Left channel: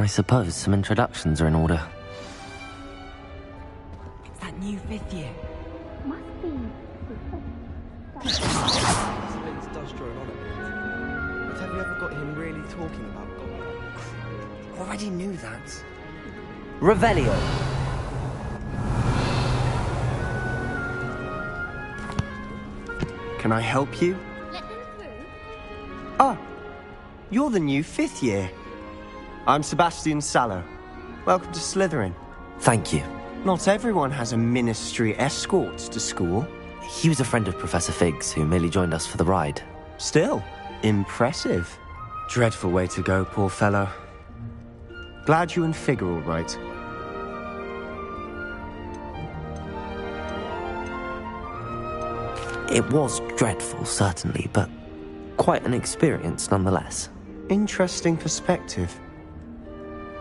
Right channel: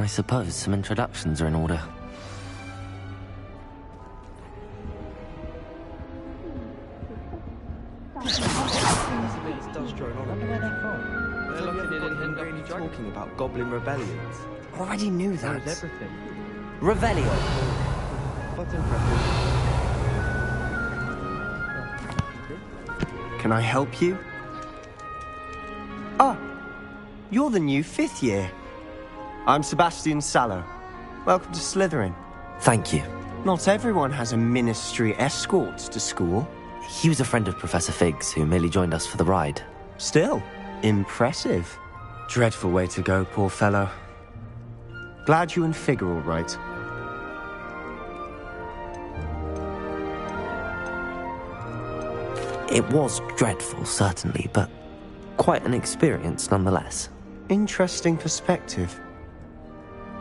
I suppose some introductions are in order. That new 5th year. Must be. This does drone on a bit. But have you ever got him really talking about Goblin rebellions? Already knew that. Revelio! Can I help you? Ah, you're the new 5th year. I'm Sebastian Sallow. Welcome to Slytherin. Thank you. Not everyone has a ministry escort to school. He was a friend of Professor Fig's who merely joined us for the ride. Still, impressive. Dreadful way to go, poor fellow. Glad you and Fig are all right. It was dreadful, certainly, but quite an experience nonetheless. Interesting perspective.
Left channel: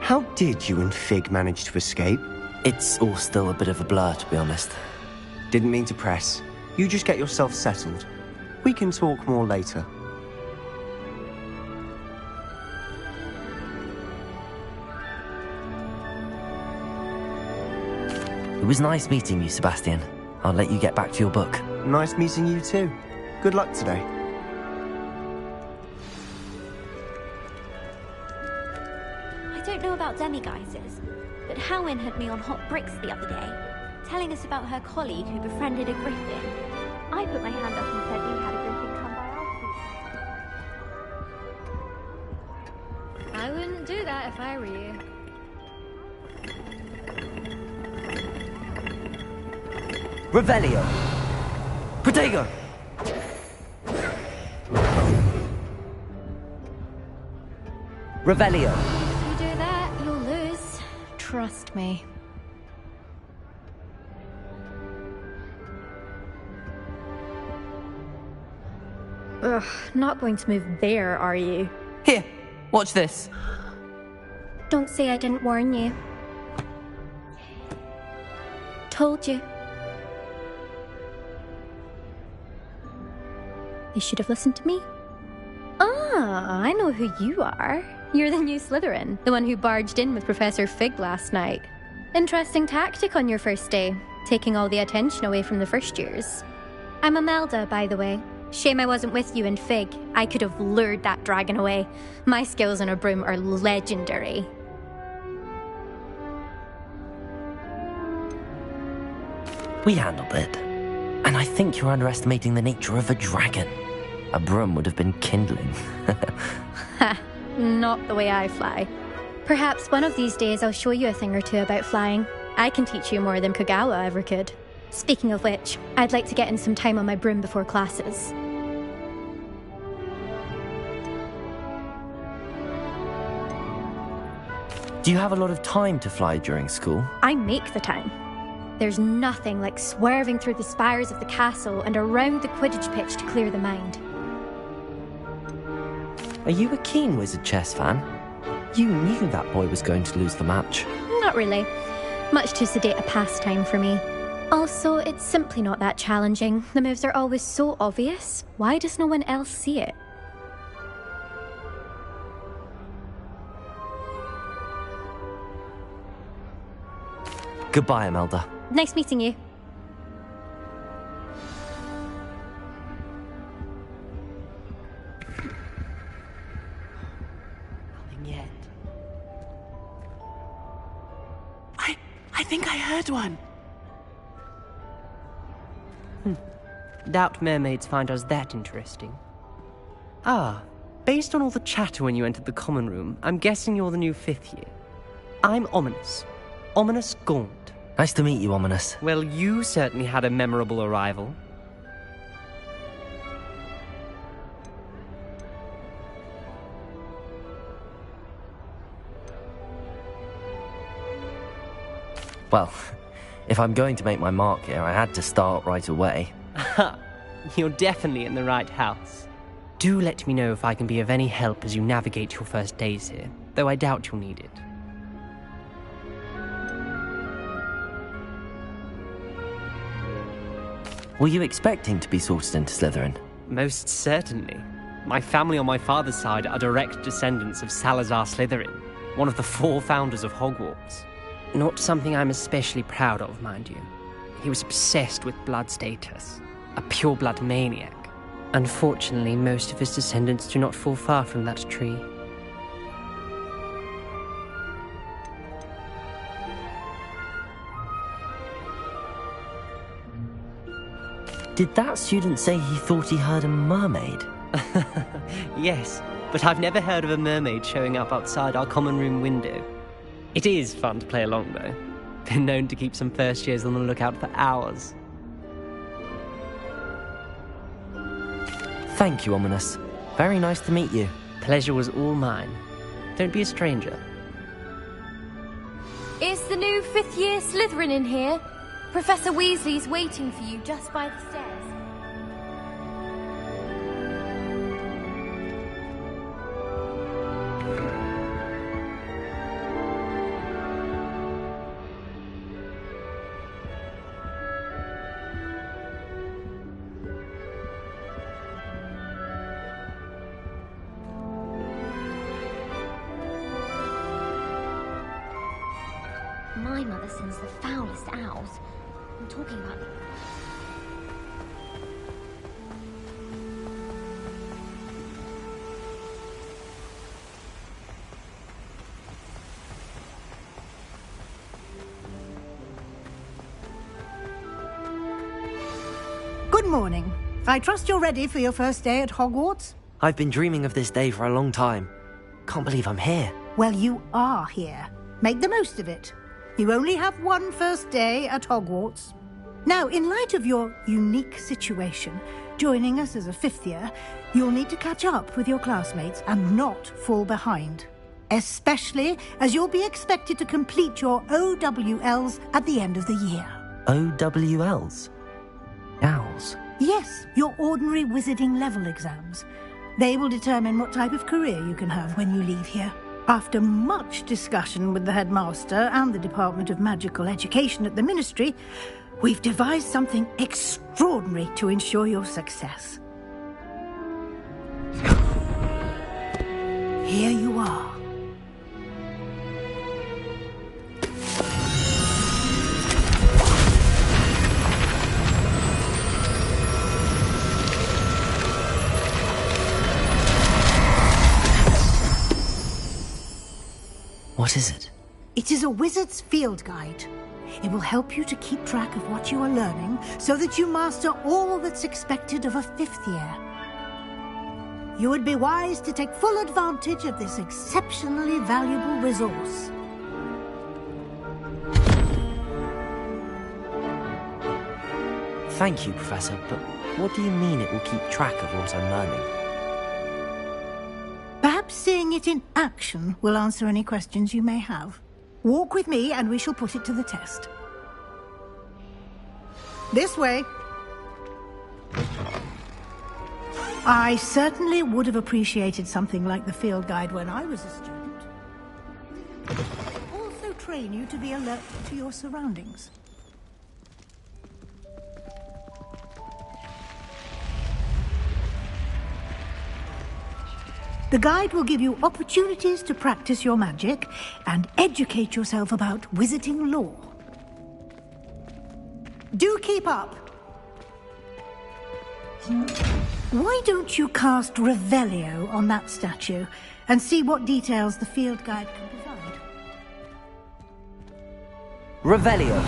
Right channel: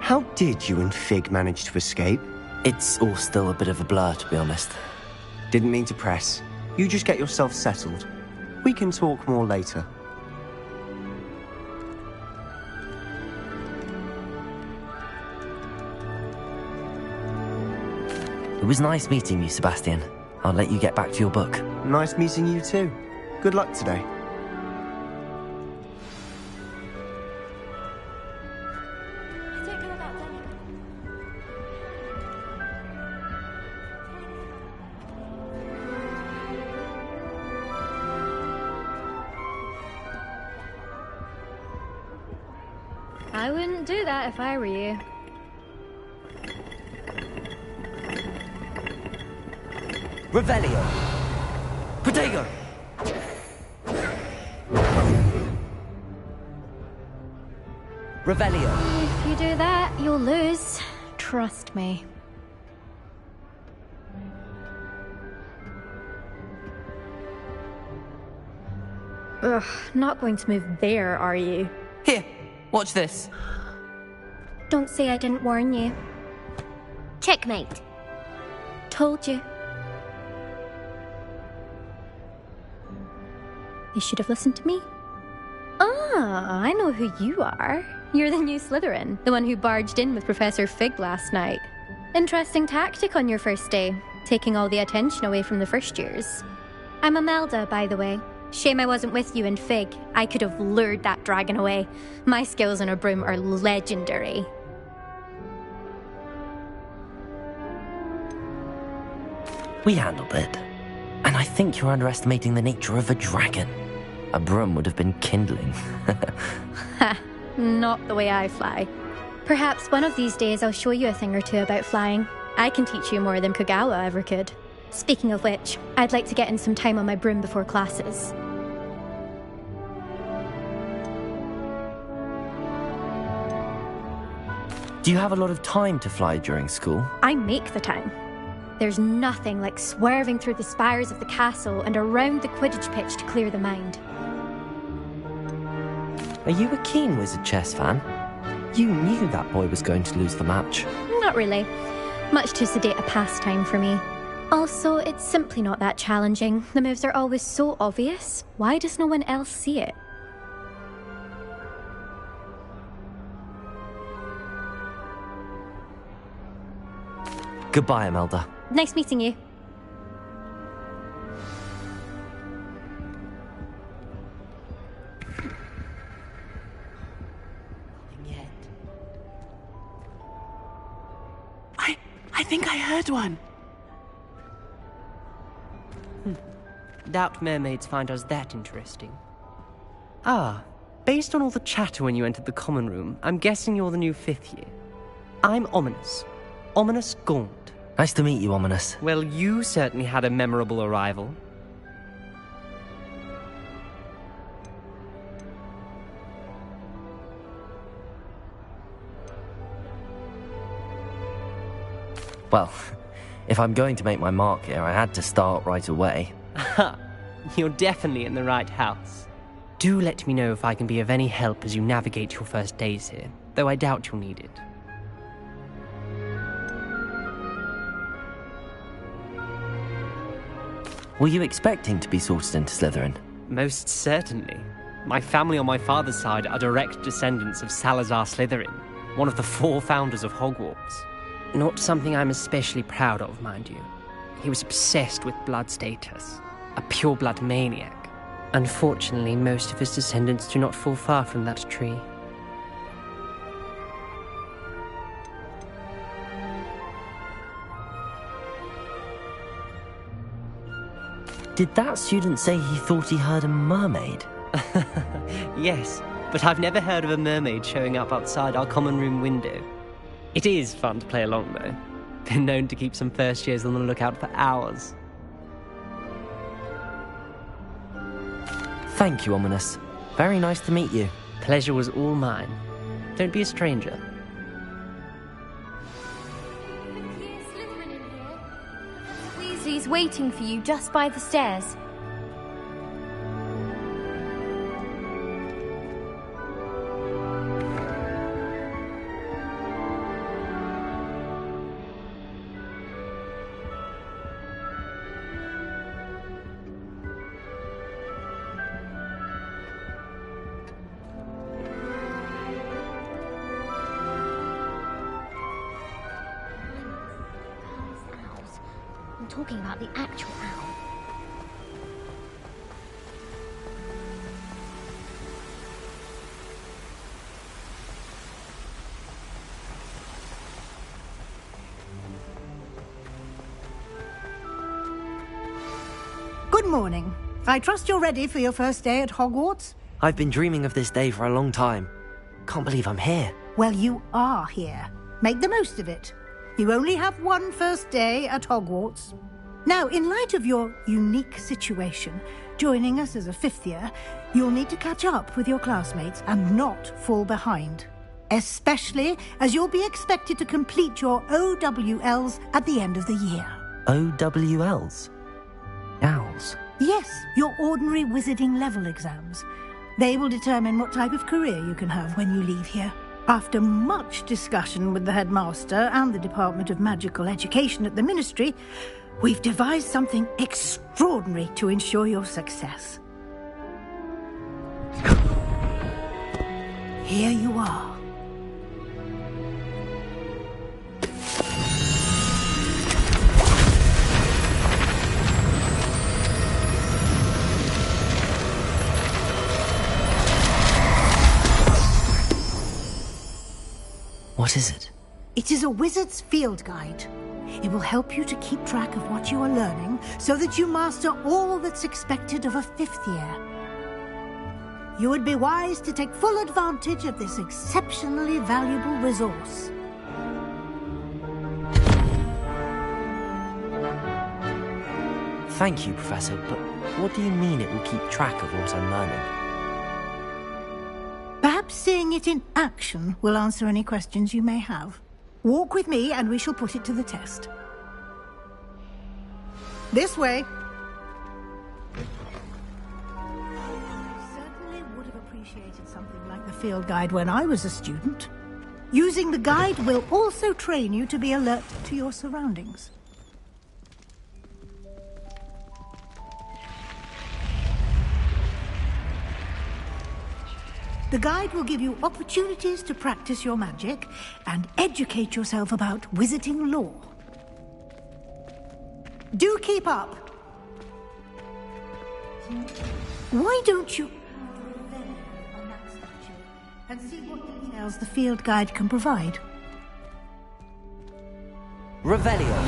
How did you and Fig manage to escape? It's all still a bit of a blur, to be honest. Didn't mean to press. You just get yourself settled. We can talk more later. It was nice meeting you, Sebastian. I'll let you get back to your book. Nice meeting you too. Good luck today. I don't know about demiguises, but Howin had me on hot bricks the other day, telling us about her colleague who befriended a griffin. I put my hand up and said we had a griffin come by our I wouldn't do that if I were you. Revelio! Protego! Revelio! If you do that, you'll lose. Trust me. Ugh, not going to move there, are you? Here, watch this. Don't say I didn't warn you. Checkmate. Told you. You should have listened to me. Ah, I know who you are. You're the new Slytherin, the one who barged in with Professor Fig last night. Interesting tactic on your first day, taking all the attention away from the first years. I'm Imelda, by the way. Shame I wasn't with you and Fig. I could have lured that dragon away. My skills on a broom are legendary. We handled it. And I think you're underestimating the nature of a dragon. A broom would have been kindling. Ha, not the way I fly. Perhaps one of these days I'll show you a thing or two about flying. I can teach you more than Kogawa ever could. Speaking of which, I'd like to get in some time on my broom before classes. Do you have a lot of time to fly during school? I make the time. There's nothing like swerving through the spires of the castle and around the Quidditch pitch to clear the mind. Are you a keen Wizard chess fan? You knew that boy was going to lose the match. Not really. Much too sedate a pastime for me. Also, it's simply not that challenging. The moves are always so obvious. Why does no one else see it? Goodbye, Imelda. Nice meeting you. Nothing yet. I think I heard one. Doubt mermaids find us that interesting. Ah, based on all the chatter when you entered the common room, I'm guessing you're the new 5th year. I'm Ominous. Ominous Gaunt. Nice to meet you, Ominous. Well, you certainly had a memorable arrival. Well, if I'm going to make my mark here, I had to start right away. Ha! You're definitely in the right house. Do let me know if I can be of any help as you navigate your first days here, though I doubt you'll need it. Were you expecting to be sorted into Slytherin? Most certainly. My family on my father's side are direct descendants of Salazar Slytherin, one of the 4 founders of Hogwarts. Not something I'm especially proud of, mind you. He was obsessed with blood status, a pure-blood maniac. Unfortunately, most of his descendants do not fall far from that tree. Did that student say he thought he heard a mermaid? Yes, but I've never heard of a mermaid showing up outside our common room window. It is fun to play along, though. Been known to keep some first years on the lookout for hours. Thank you, Ominous. Very nice to meet you. Pleasure was all mine. Don't be a stranger. Is the new 5th year Slytherin in here? Professor Weasley's waiting for you just by the stairs. My mother sends the foulest owls. I'm talking about the actual owl. Good morning. I trust you're ready for your first day at Hogwarts? I've been dreaming of this day for a long time. Can't believe I'm here. Well, you are here. Make the most of it. You only have one first day at Hogwarts. Now, in light of your unique situation, joining us as a 5th year, you'll need to catch up with your classmates and not fall behind. Especially as you'll be expected to complete your OWLs at the end of the year. OWLs? Owls? Yes, your ordinary wizarding level exams. They will determine what type of career you can have when you leave here. After much discussion with the headmaster and the Department of Magical Education at the Ministry, we've devised something extraordinary to ensure your success. Here you are. What is it? It is a wizard's field guide. It will help you to keep track of what you are learning so that you master all that's expected of a 5th year. You would be wise to take full advantage of this exceptionally valuable resource. Thank you, Professor, but what do you mean it will keep track of what I'm learning? Perhaps seeing it in action will answer any questions you may have. Walk with me and we shall put it to the test. This way. I certainly would have appreciated something like the field guide when I was a student. Using the guide will also train you to be alert to your surroundings. The guide will give you opportunities to practice your magic and educate yourself about wizarding lore. Do keep up. Why don't you cast Revelio on that statue and see what details the field guide can provide? Revelio.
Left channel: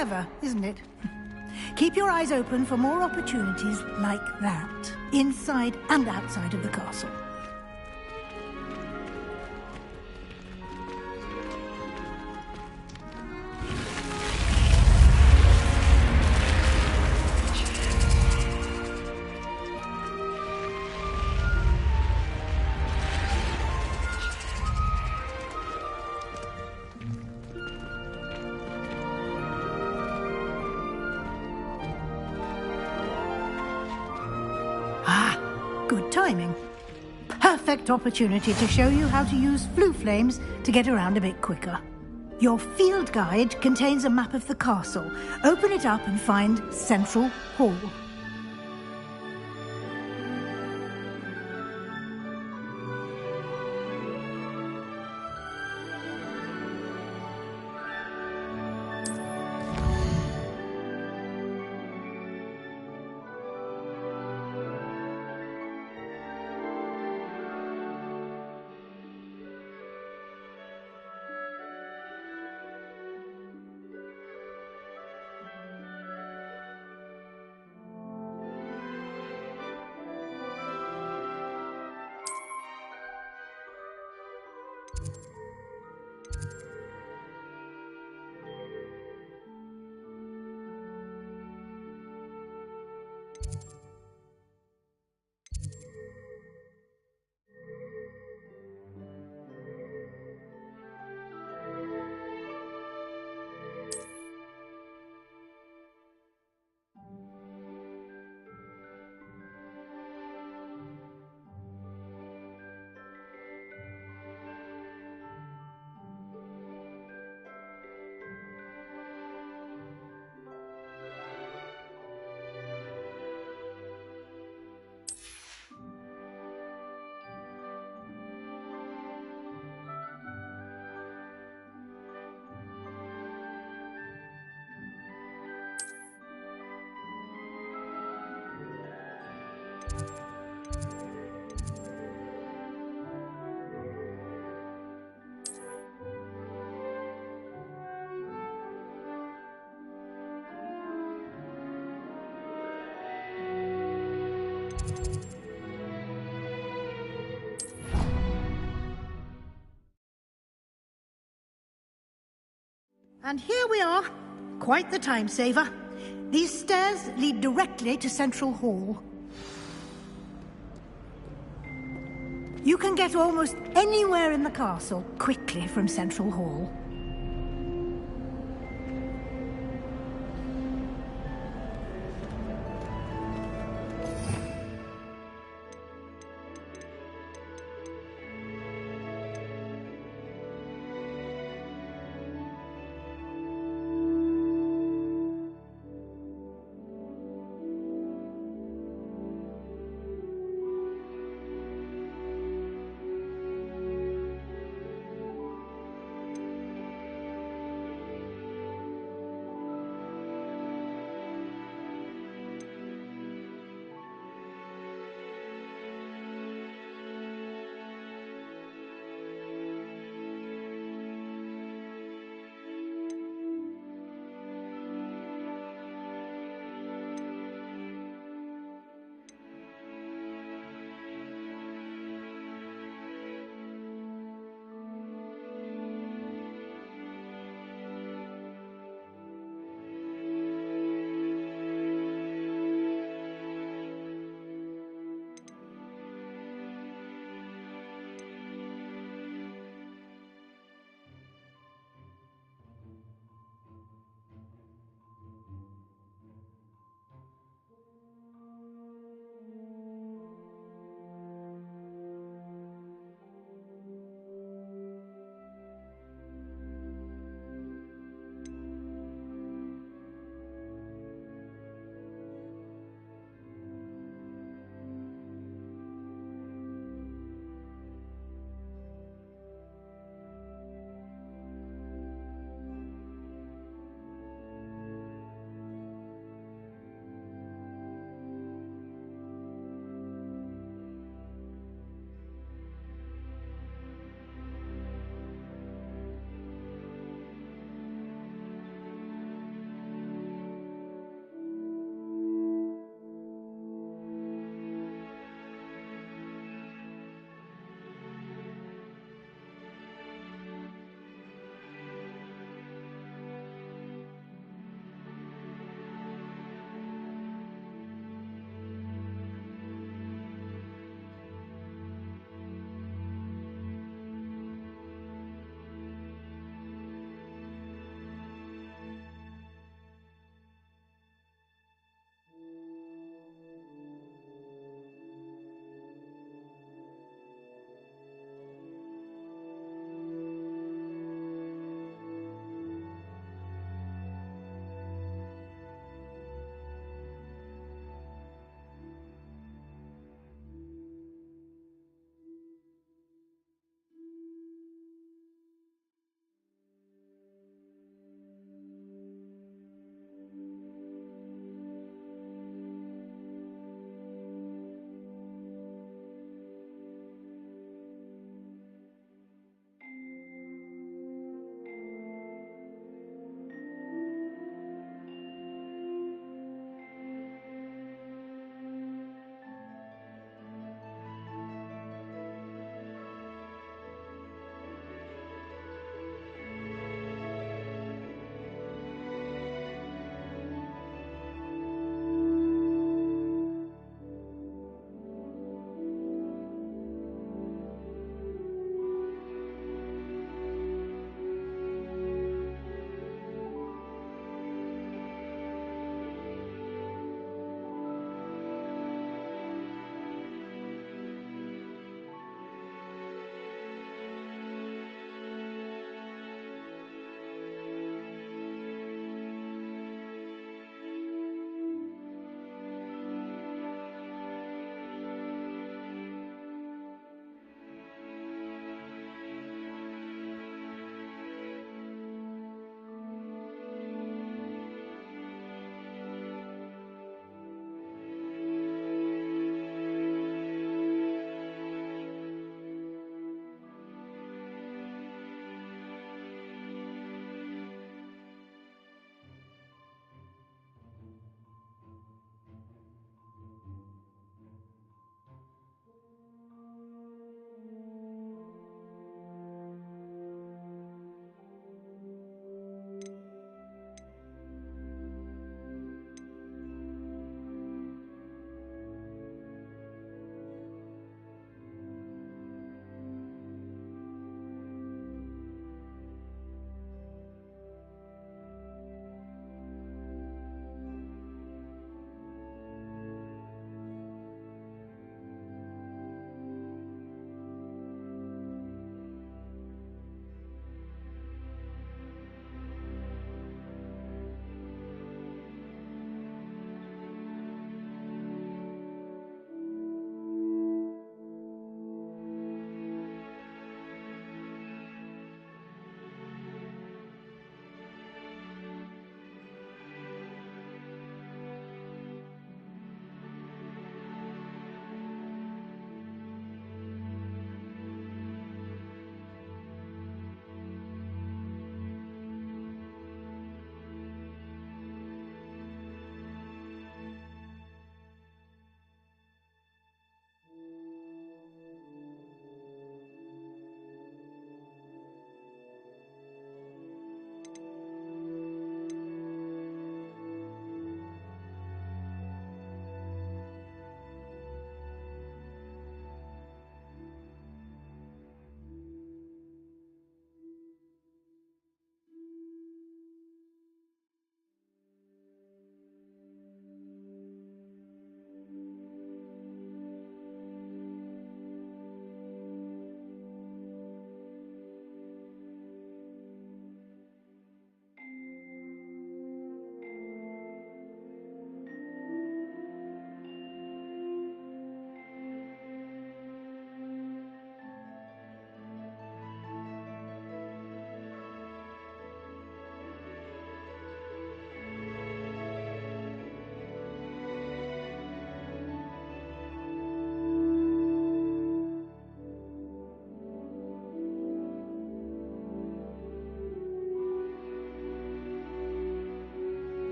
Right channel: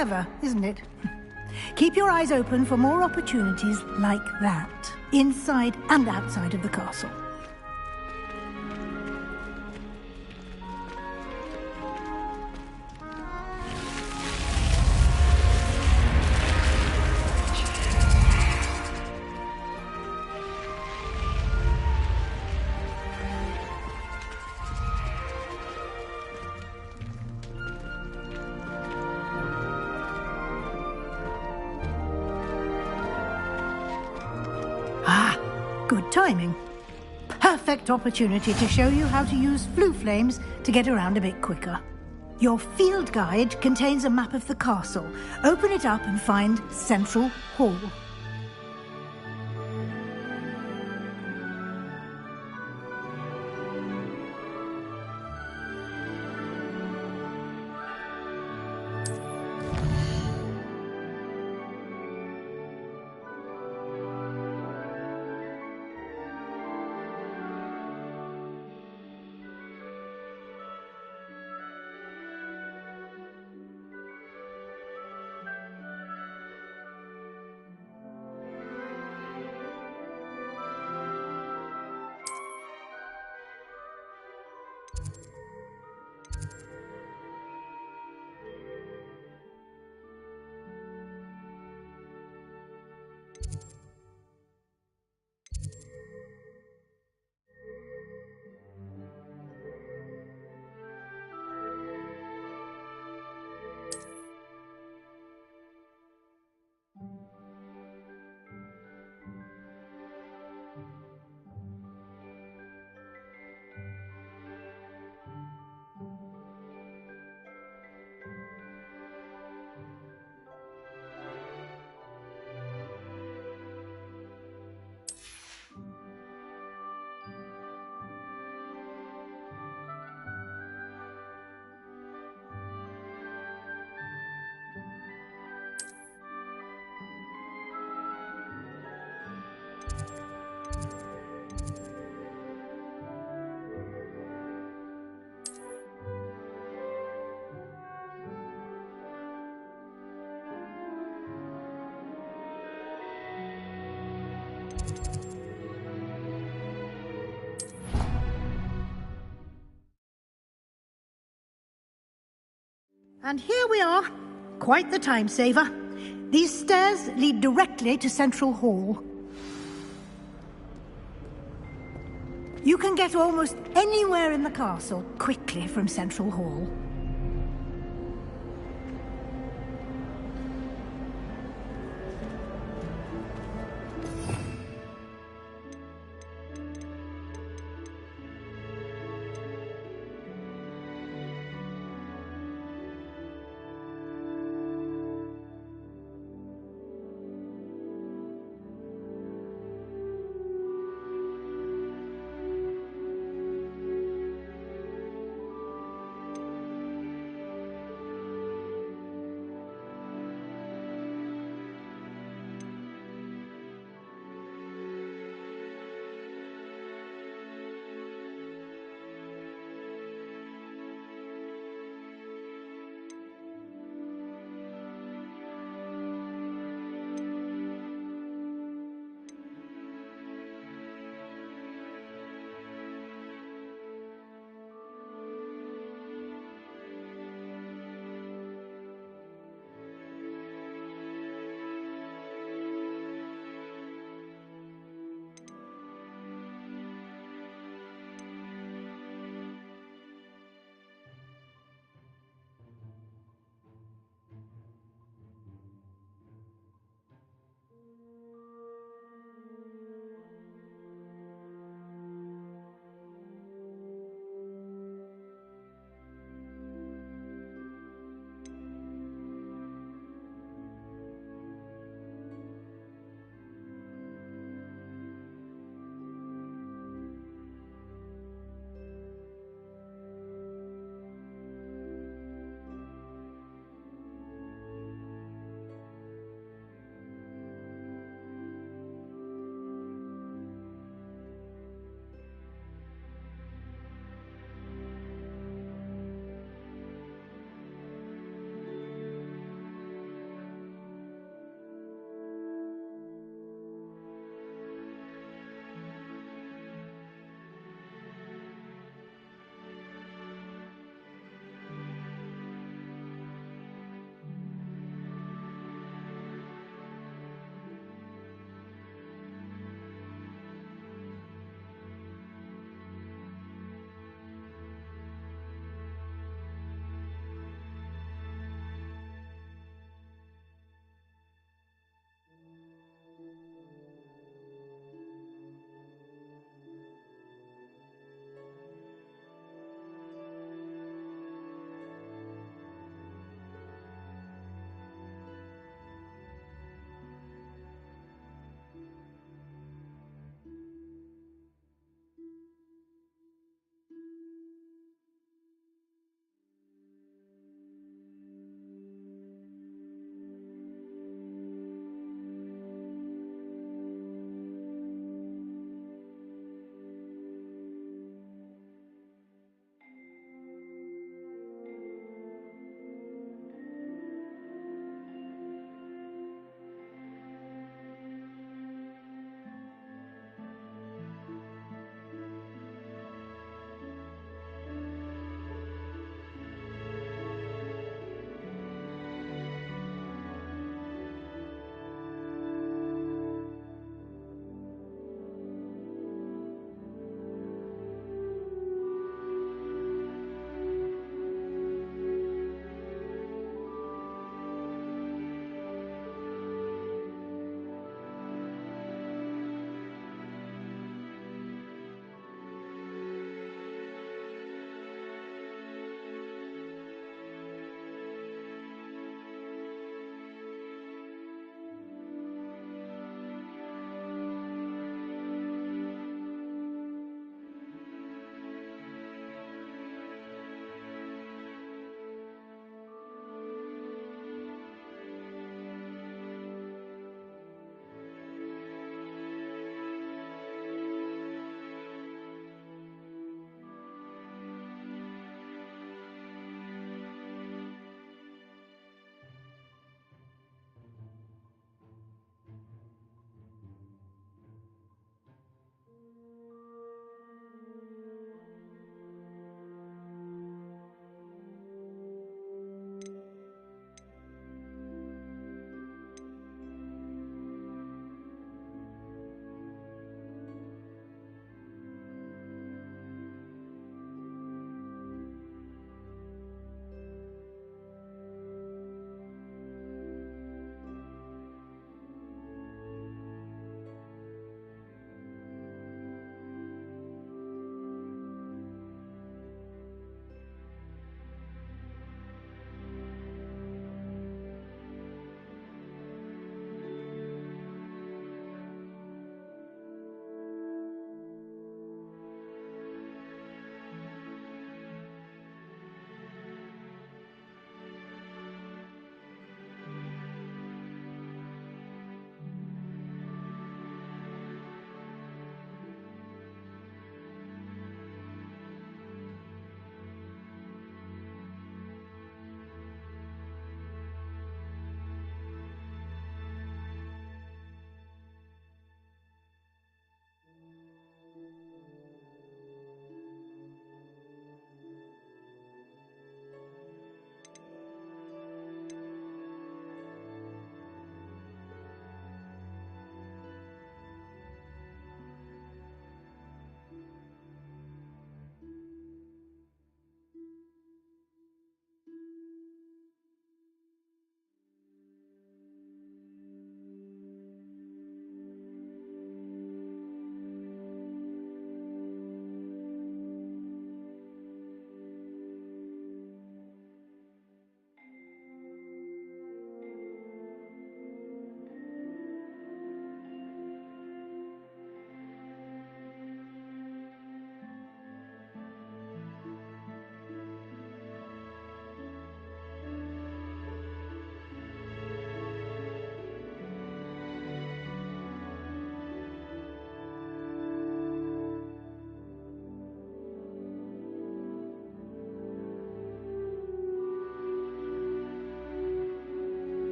Clever, isn't it? Keep your eyes open for more opportunities like that, inside and outside of the castle. Good timing. Perfect opportunity to show you how to use flue flames to get around a bit quicker. Your field guide contains a map of the castle. Open it up and find Central Hall. And here we are. Quite the time saver. These stairs lead directly to Central Hall. You can get almost anywhere in the castle quickly from Central Hall.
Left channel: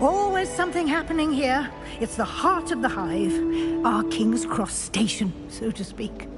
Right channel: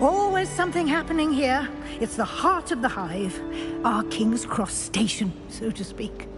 Always something happening here. It's the heart of the hive. Our King's Cross station, so to speak.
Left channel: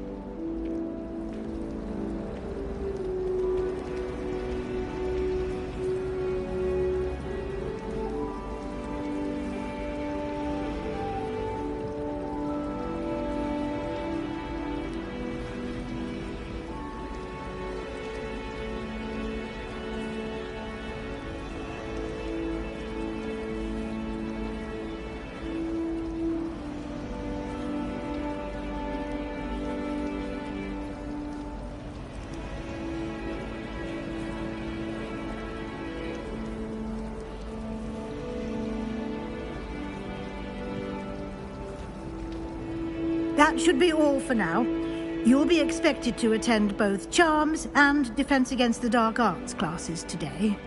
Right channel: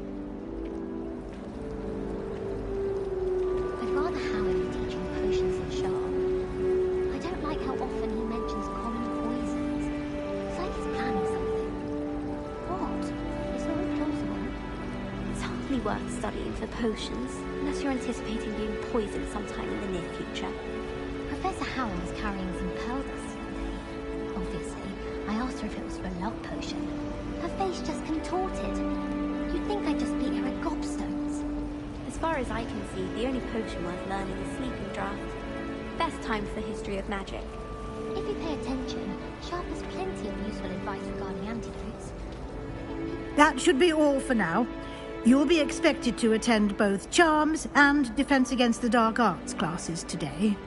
That should be all for now. You'll be expected to attend both Charms and Defense Against the Dark Arts classes today.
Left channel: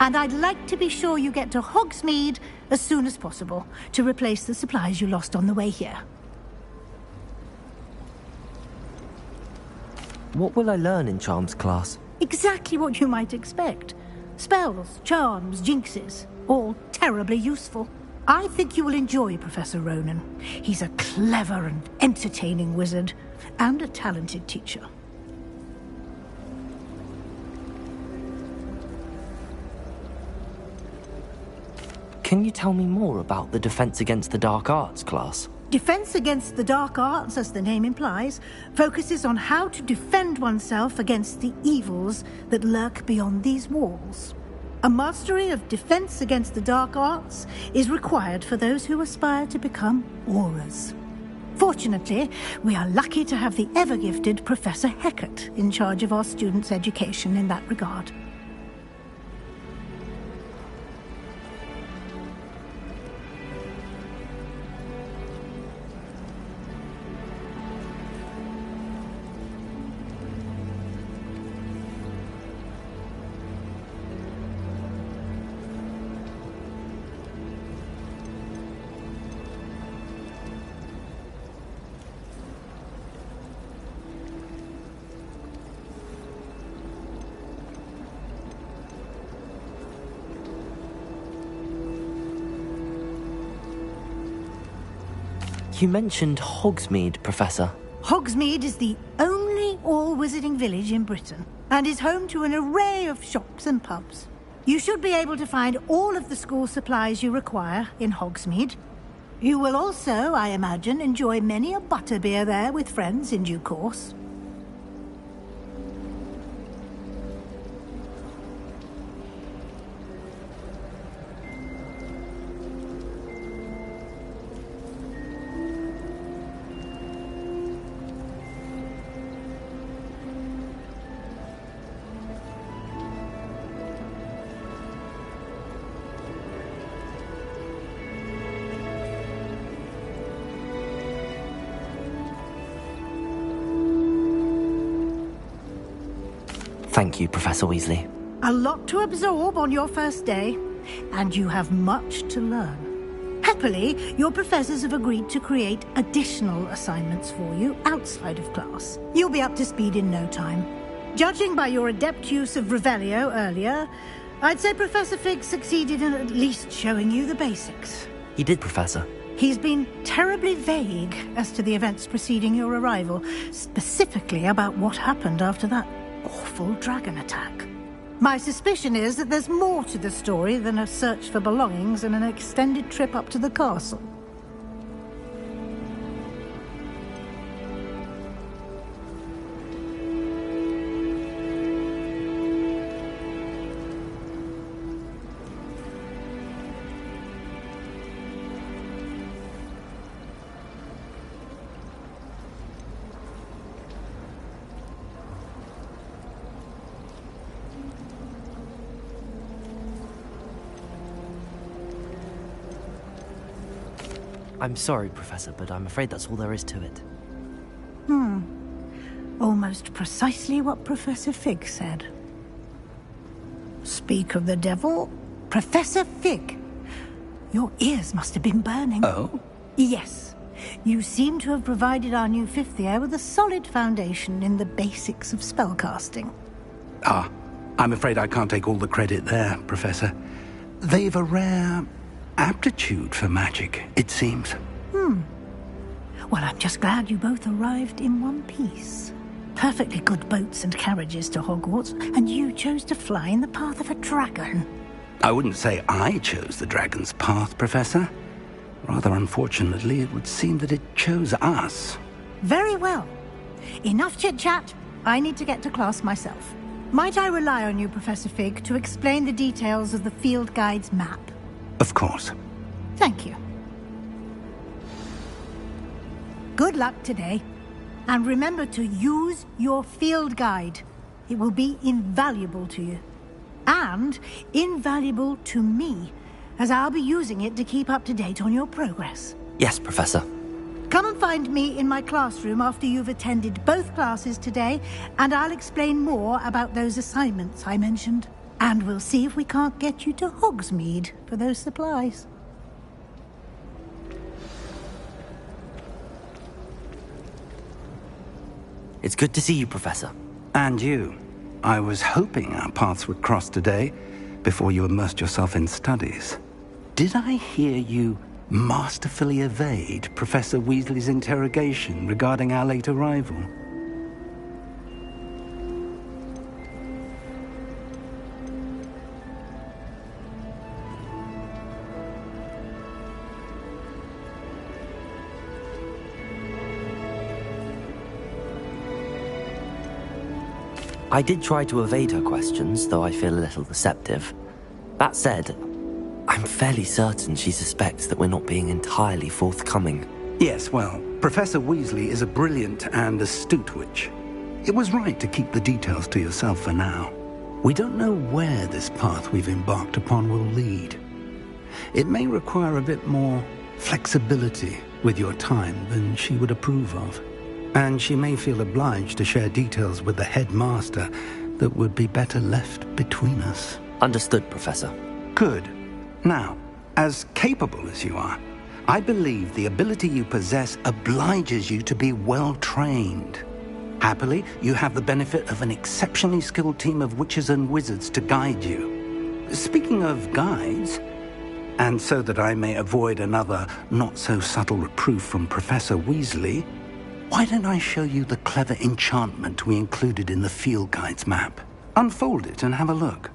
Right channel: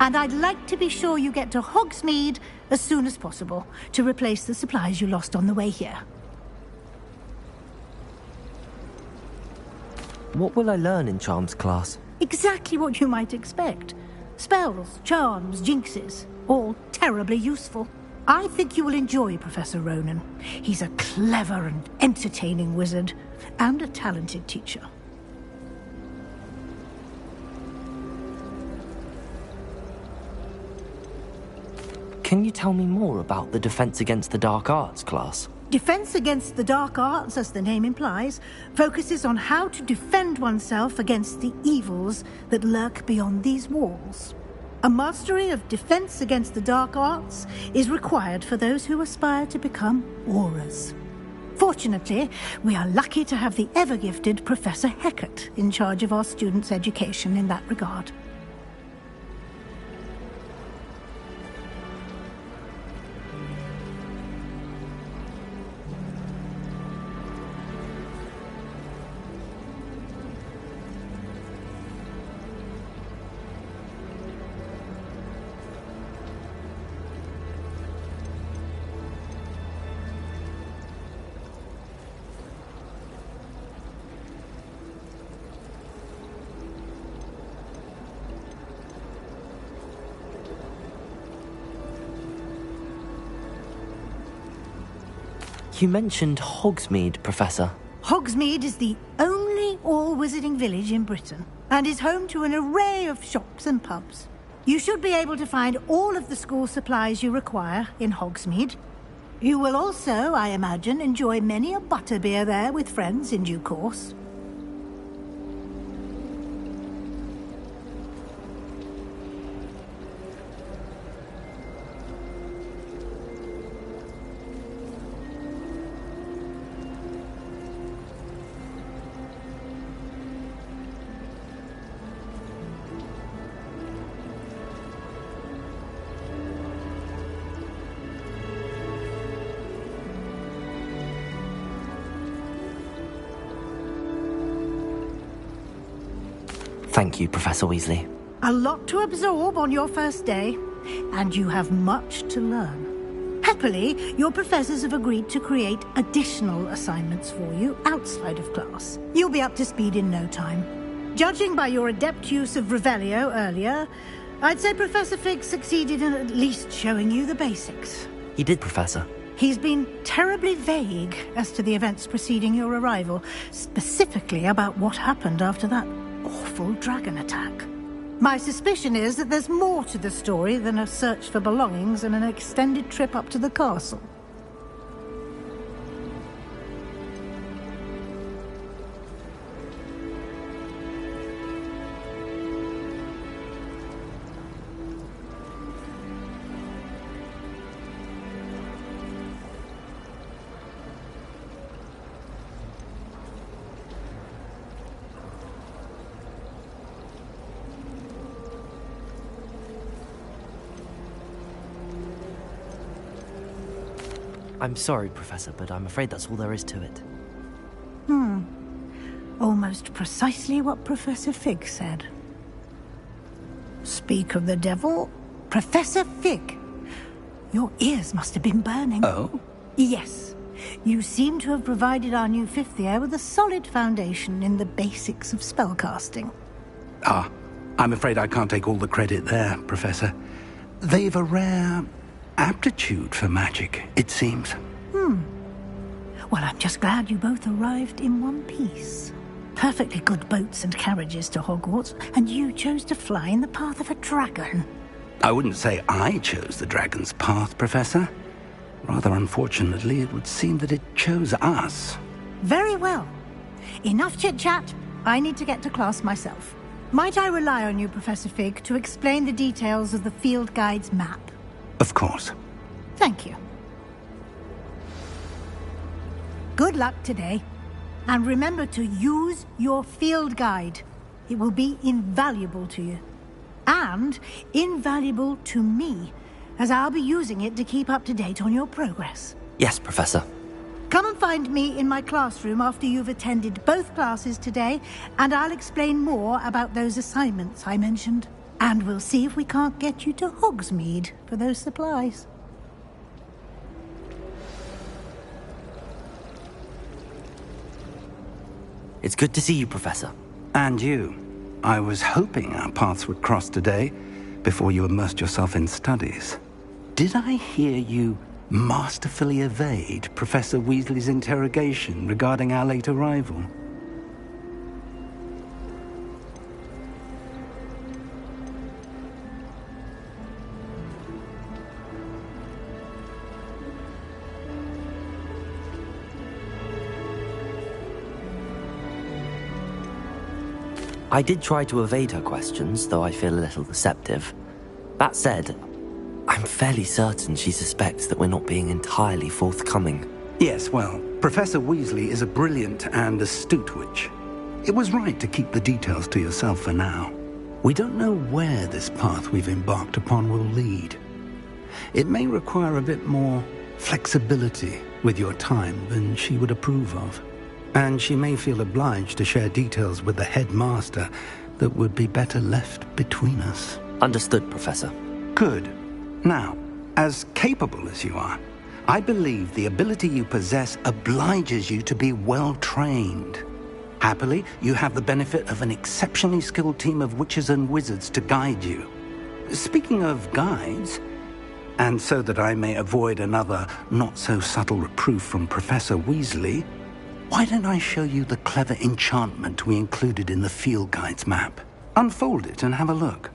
And I'd like to be sure you get to Hogsmeade as soon as possible to replace the supplies you lost on the way here. What will I learn in Charms class? Exactly what you might expect. Spells, charms, jinxes, all terribly useful. I think you will enjoy Professor Ronan. He's a clever and entertaining wizard, and a talented teacher. Can you tell me more about the Defense Against the Dark Arts class? Defense Against the Dark Arts, as the name implies, focuses on how to defend oneself against the evils that lurk beyond these walls. A mastery of Defense Against the Dark Arts is required for those who aspire to become Aurors. Fortunately, we are lucky to have the ever-gifted Professor Hecat in charge of our students' education in that regard. You mentioned Hogsmeade, Professor. Hogsmeade is the only all-wizarding village in Britain, and is home to an array of shops and pubs. You should be able to find all of the school supplies you require in Hogsmeade. You will also, I imagine, enjoy many a butterbeer there with friends in due course. Thank you, Professor Weasley. A lot to absorb on your first day, and you have much to learn. Happily, your professors have agreed to create additional assignments for you outside of class. You'll be up to speed in no time. Judging by your adept use of Revelio earlier, I'd say Professor Fig succeeded in at least showing you the basics. He did, Professor. He's been terribly vague as to the events preceding your arrival, specifically about what happened after that awful dragon attack. My suspicion is that there's more to the story than a search for belongings and an extended trip up to the castle. I'm sorry, Professor, but I'm afraid that's all there is to it. Almost precisely what Professor Fig said. Speak of the devil, Professor Fig. Your ears must have been burning. Oh? Yes. You seem to have provided our new fifth year with a solid foundation in the basics of spellcasting. Ah, I'm afraid I can't take all the credit there, Professor. They've a rare aptitude for magic, it seems. Well, I'm just glad you both arrived in one piece. Perfectly good boats and carriages to Hogwarts, and you chose to fly in the path of a dragon. I wouldn't say I chose the dragon's path, Professor. Rather unfortunately, it would seem that it chose us. Very well. Enough chit-chat. I need to get to class myself. Might I rely on you, Professor Fig, to explain the details of the field guide's map? Of course. Thank you. Good luck today. And remember to use your field guide. It will be invaluable to you. And invaluable to me, as I'll be using it to keep up to date on your progress. Yes, Professor. Come and find me in my classroom after you've attended both classes today, and I'll explain more about those assignments I mentioned. And we'll see if we can't get you to Hogsmeade for those supplies. It's good to see you, Professor. And you. I was hoping our paths would cross today, before you immersed yourself in studies. Did I hear you masterfully evade Professor Weasley's interrogation regarding our late arrival? I did try to evade her questions, though I feel a little deceptive. That said, I'm fairly certain she suspects that we're not being entirely forthcoming. Yes, well, Professor Weasley is a brilliant and astute witch. It was right to keep the details to yourself for now. We don't know where this path we've embarked upon will lead. It may require a bit more flexibility with your time than she would approve of. And she may feel obliged to share details with the headmaster that would be better left between us. Understood, Professor. Good. Now, as capable as you are, I believe the ability you possess obliges you to be well-trained. Happily, you have the benefit of an exceptionally skilled team of witches and wizards to guide you. Speaking of guides, and so that I may avoid another not-so-subtle reproof from Professor Weasley, why don't I show you the clever enchantment we included in the field guide's map? Unfold it and have a look.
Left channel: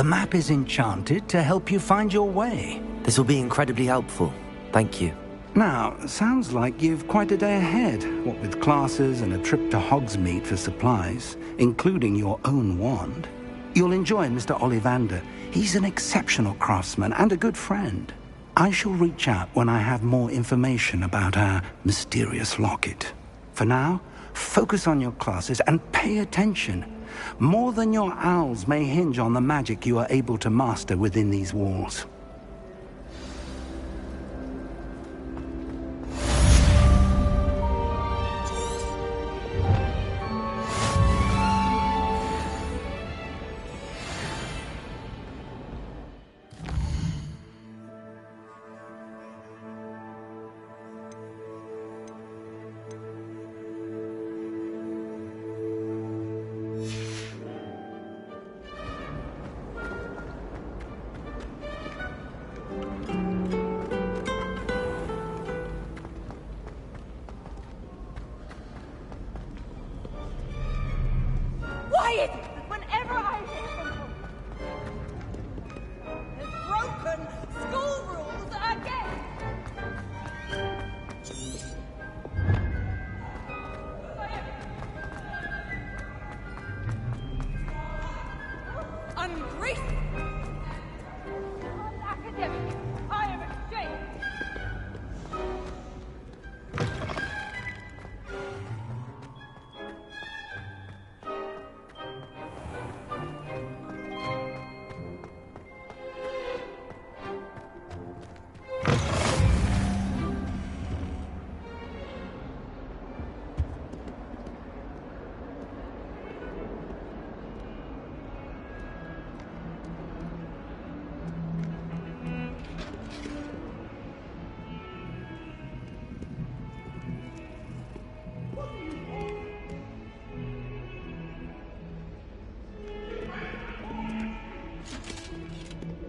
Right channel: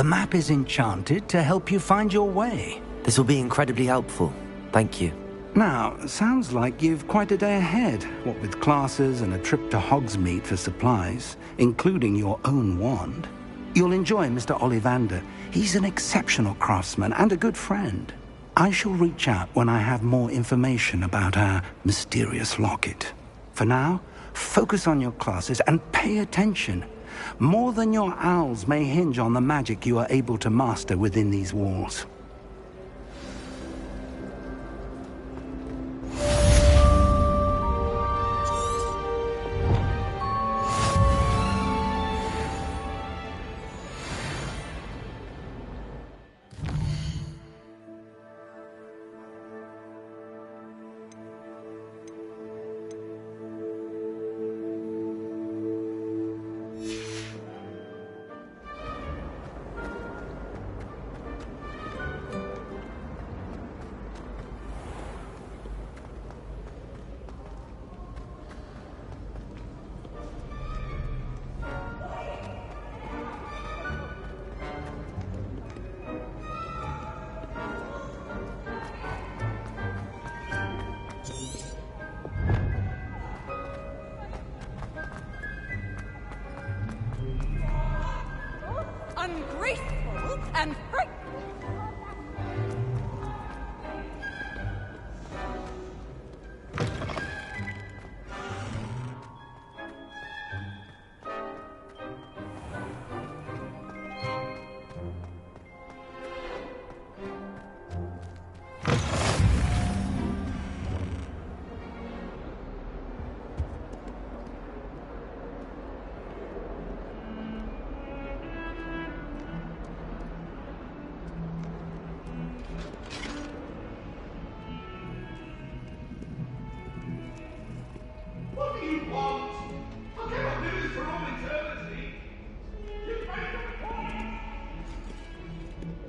The map is enchanted to help you find your way. This will be incredibly helpful. Thank you. Now, sounds like you've quite a day ahead, what with classes and a trip to Hogsmeade for supplies, including your own wand. You'll enjoy Mr. Ollivander. He's an exceptional craftsman and a good friend. I shall reach out when I have more information about our mysterious locket. For now, focus on your classes and pay attention. More than your owls may hinge on the magic you are able to master within these walls.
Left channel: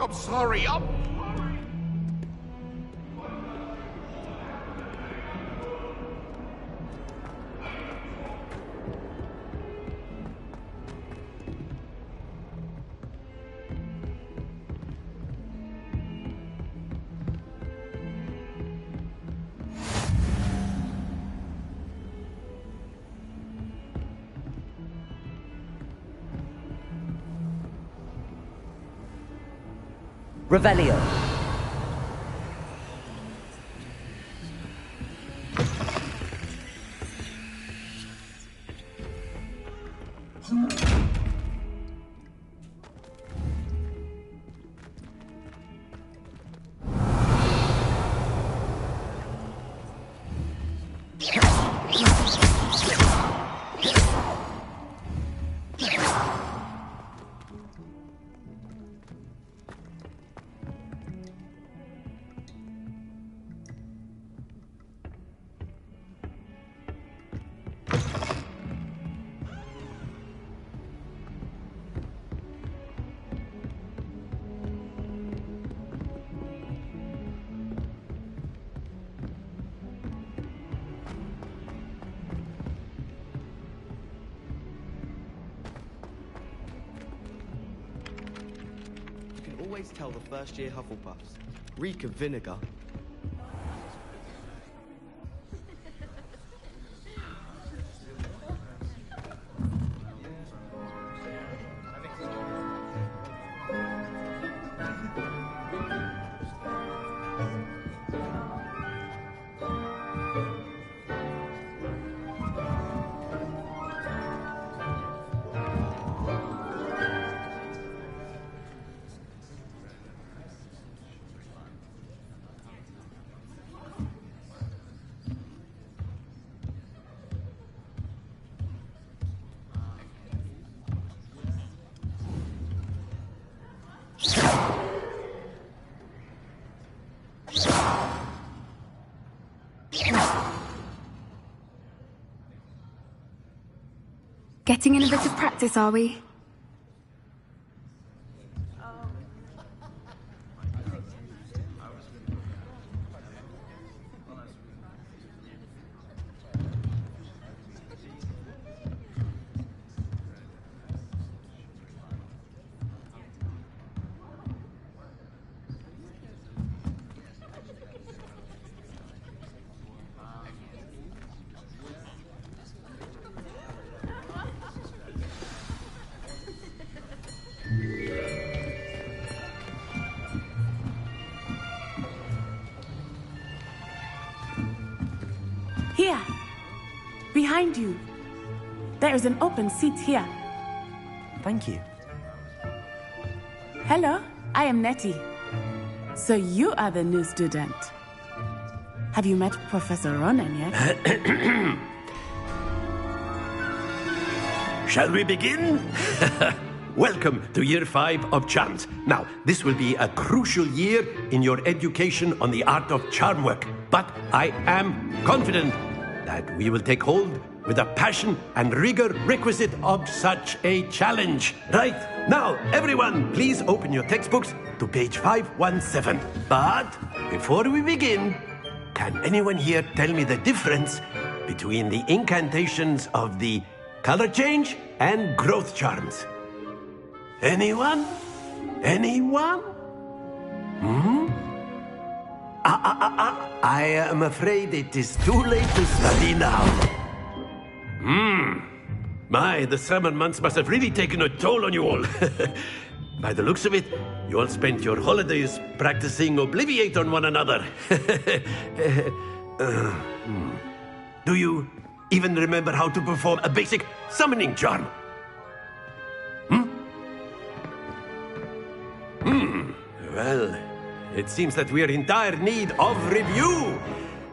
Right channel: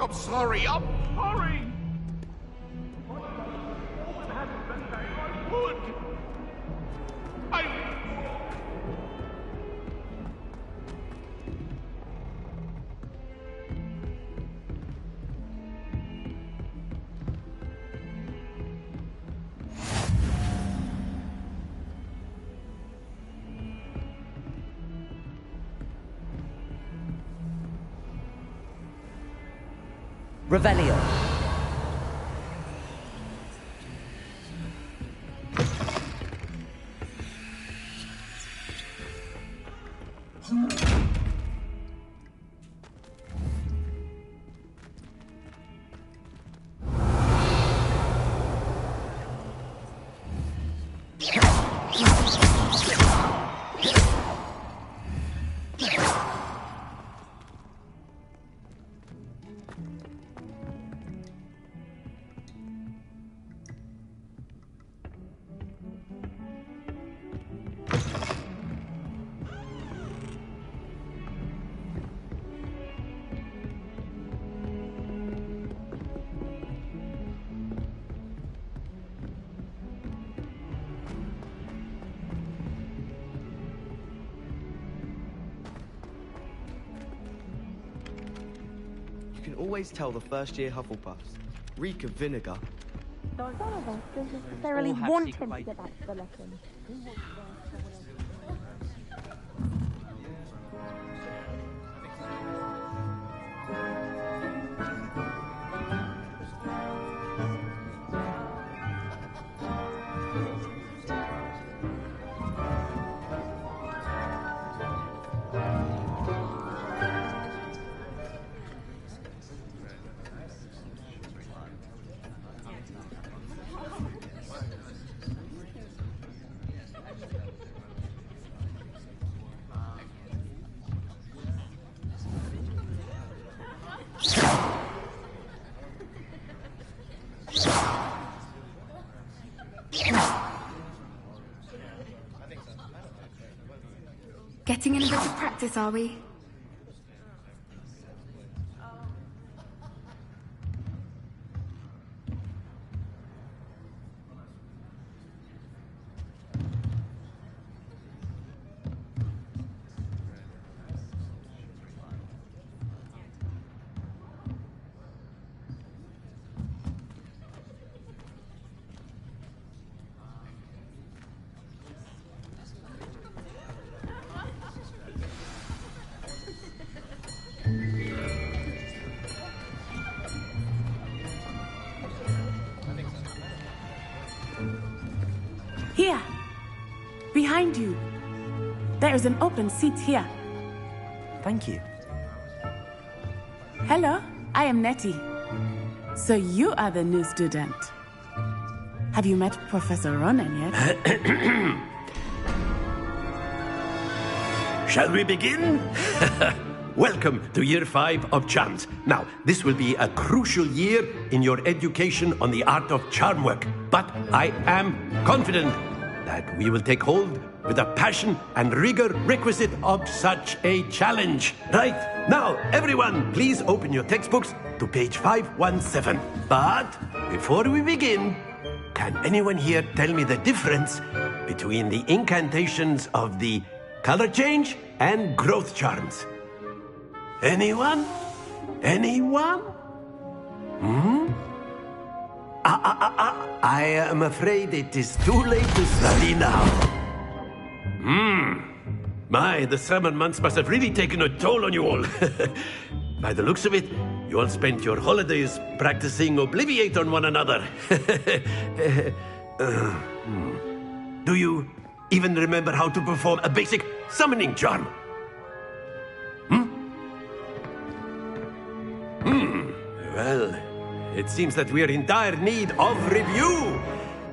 I'm sorry, I'm sorry! Revelio. Always tell the first-year Hufflepuffs. Reek of vinegar. Don't necessarily want him to get back to the lesson. Getting in a bit of practice, are we? Here. Behind you. There is an open seat here. Thank you. Hello, I am Nettie. So you are the new student. Have you met Professor Ronan yet? Shall we begin? Welcome to Year 5 of Charms. Now, this will be a crucial year in your education on the art of charm work. But I am confident that we will take hold with the passion and rigor requisite of such a challenge. Right, now, everyone, please open your textbooks to page 517. But before we begin, can anyone here tell me the difference between the incantations of the color change and growth charms? Anyone? Anyone? I am afraid it is too late to study now. My, the summer months must have really taken a toll on you all. By the looks of it, you all spent your holidays practicing Obliviate on one another. Do you even remember how to perform a basic summoning charm? Well, it seems that we are in dire need of review.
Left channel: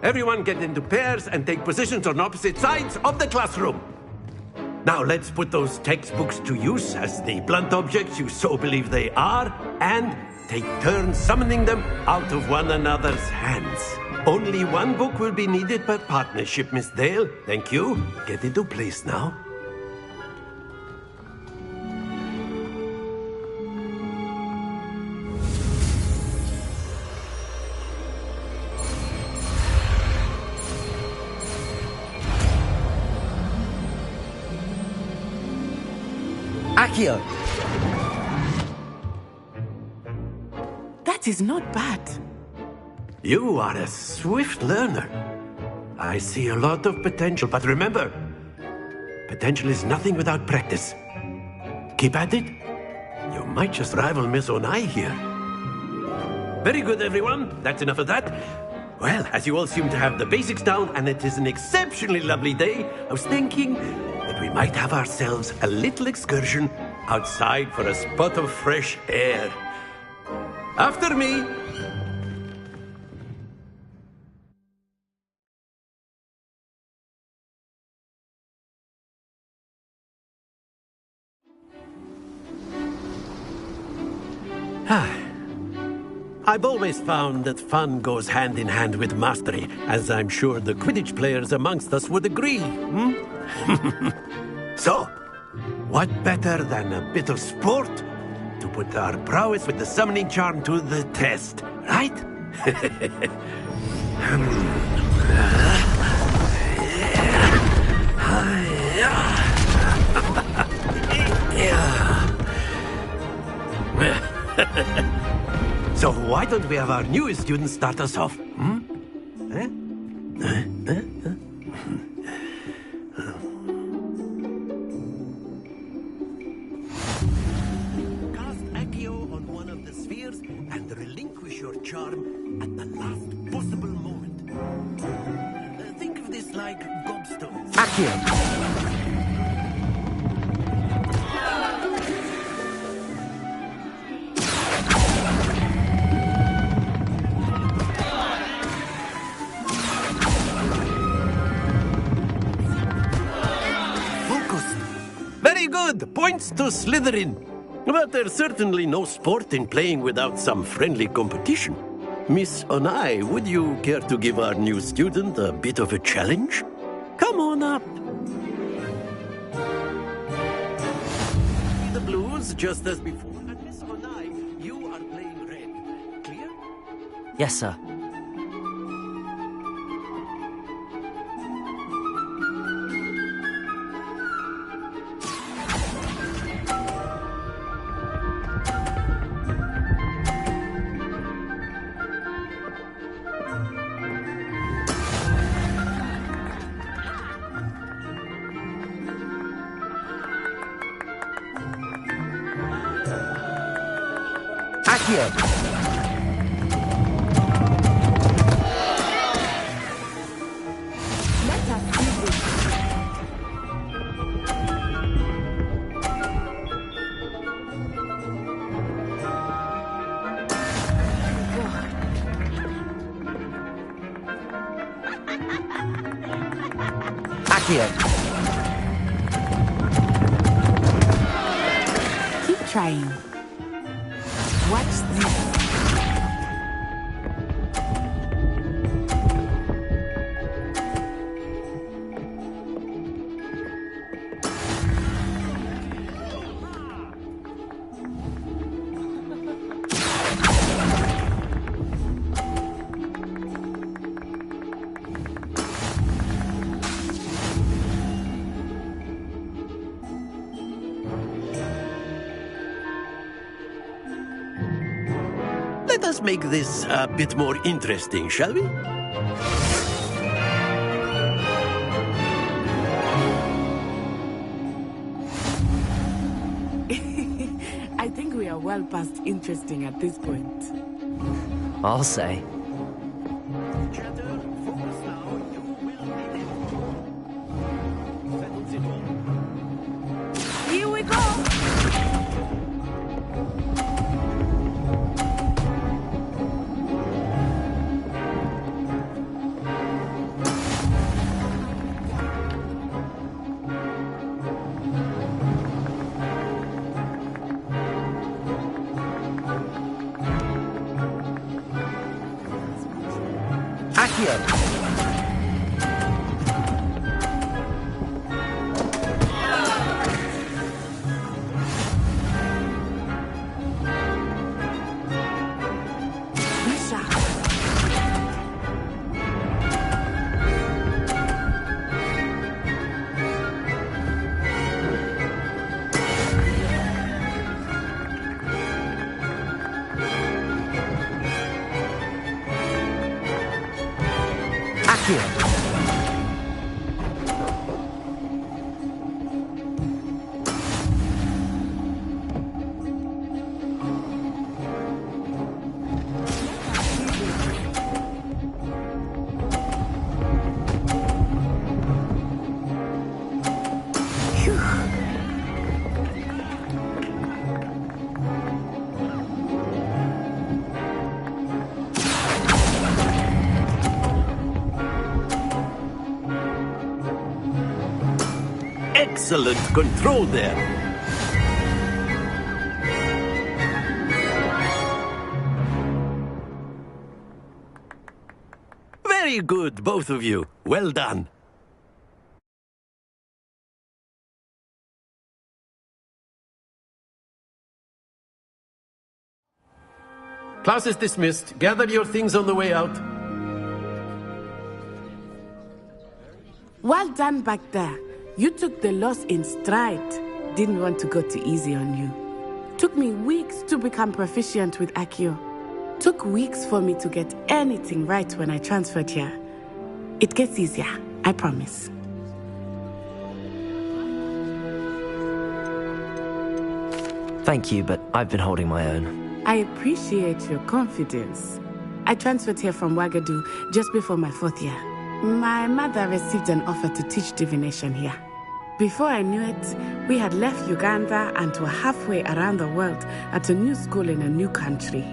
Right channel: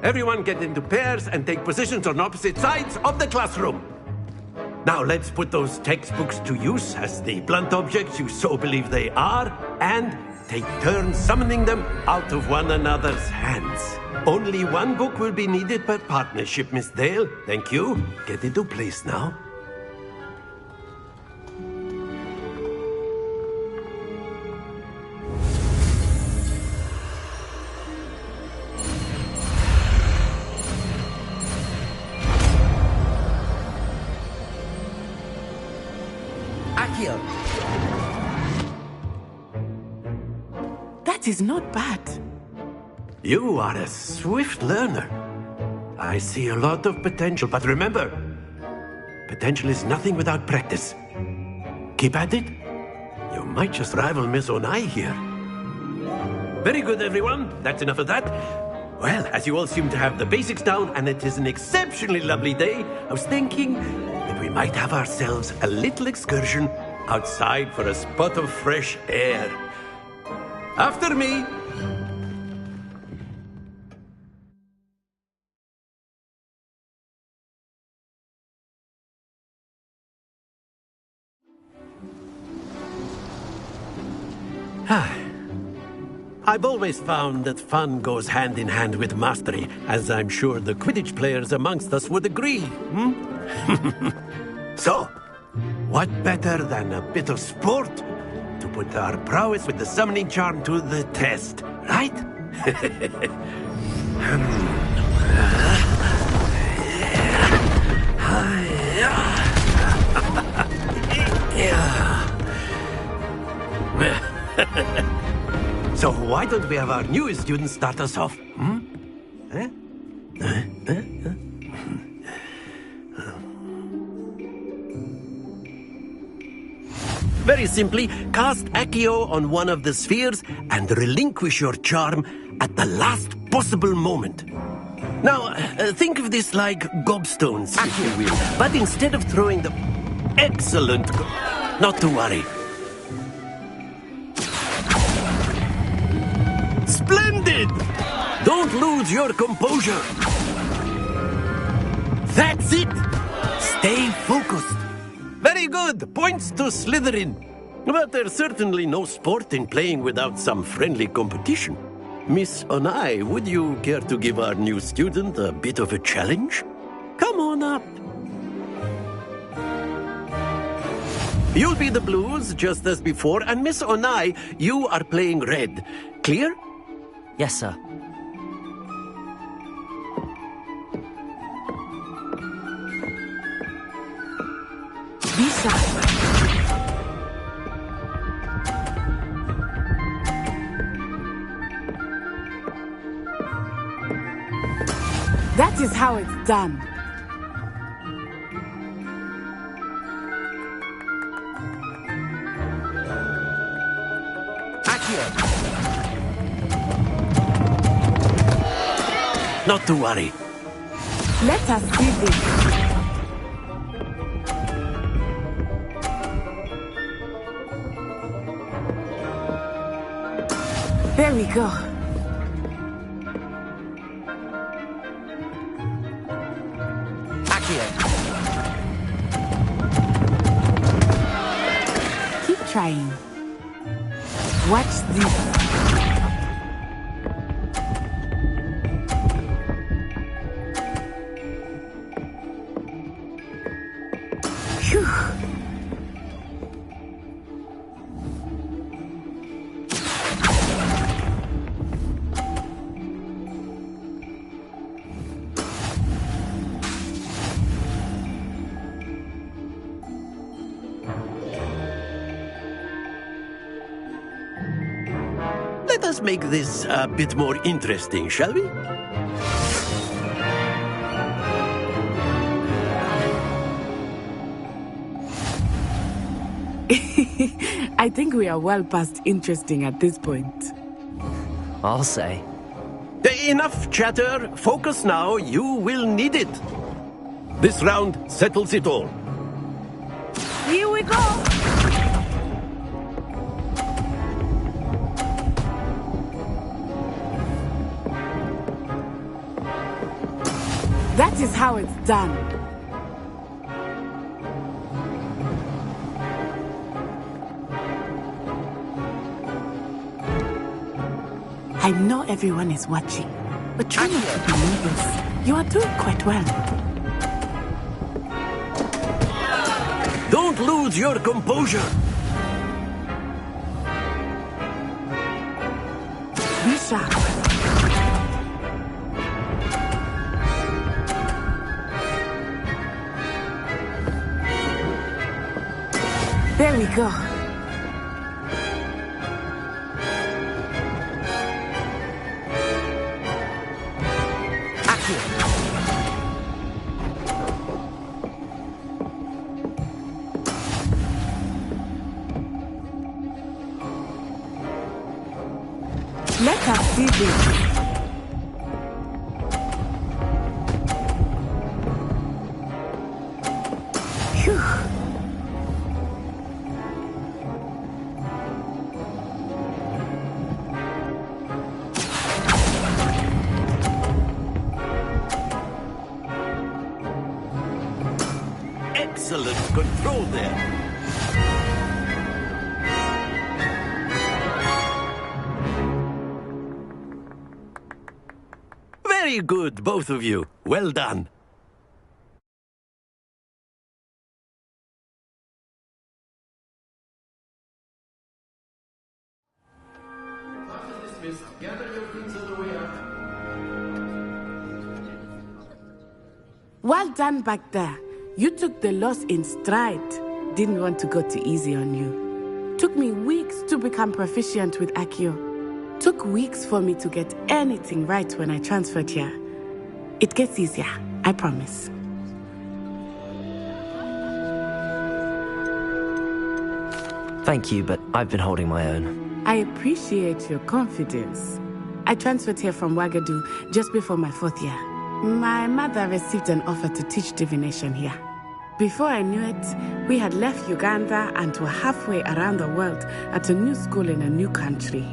Everyone get into pairs and take positions on opposite sides of the classroom. Now let's put those textbooks to use as the blunt objects you so believe they are, and take turns summoning them out of one another's hands. Only one book will be needed per partnership, Miss Dale. Thank you. Get into place now. Accio! That is not bad. You are a swift learner. I see a lot of potential, but remember, potential is nothing without practice. Keep at it. You might just rival Miss Onai here. Very good, everyone. That's enough of that. Well, as you all seem to have the basics down, and it is an exceptionally lovely day, I was thinking that we might have ourselves a little excursion outside for a spot of fresh air. After me. I've always found that fun goes hand in hand with mastery, as I'm sure the Quidditch players amongst us would agree. So, what better than a bit of sport to put our prowess with the summoning charm to the test, right? So why don't we have our newest student start us off? Very simply, cast Accio on one of the spheres and relinquish your charm at the last possible moment. Now, think of this like gobstones. Accio, but instead of throwing them... Excellent. Not to worry. Splendid! Don't lose your composure. That's it. Stay focused. Very good. Points to Slytherin. But there's certainly no sport in playing without some friendly competition. Miss Onai, would you care to give our new student a bit of a challenge? Come on up. You'll be the blues, just as before, and Miss Onai, you are playing red. Clear? Yes, sir. That is how it's done. Accio! Not to worry. Let us see this. There we go. Accio. Keep trying. Watch this. Phew. Let us make this a bit more interesting, shall we? I think we are well past interesting at this point. I'll say. Enough chatter. Focus now. You will need it. This round settles it all. Here we go! That is how it's done. I know everyone is watching, but try not to believe us. You are doing quite well. Don't lose your composure. Be sharp. There we go. Accio. Let us see this. Phew. Excellent control there. Very good, both of you. Well done. Class is dismissed. Gather your things on the way out. Well done back there. You took the loss in stride. Didn't want to go too easy on you. Took me weeks to become proficient with Accio. Took weeks for me to get anything right when I transferred here. It gets easier, I promise. Thank you, but I've been holding my own. I appreciate your confidence. I transferred here from Wagadu just before my 4th year. My mother received an offer to teach divination here. Before I knew it, we had left Uganda and were halfway around the world at a new school in a new country.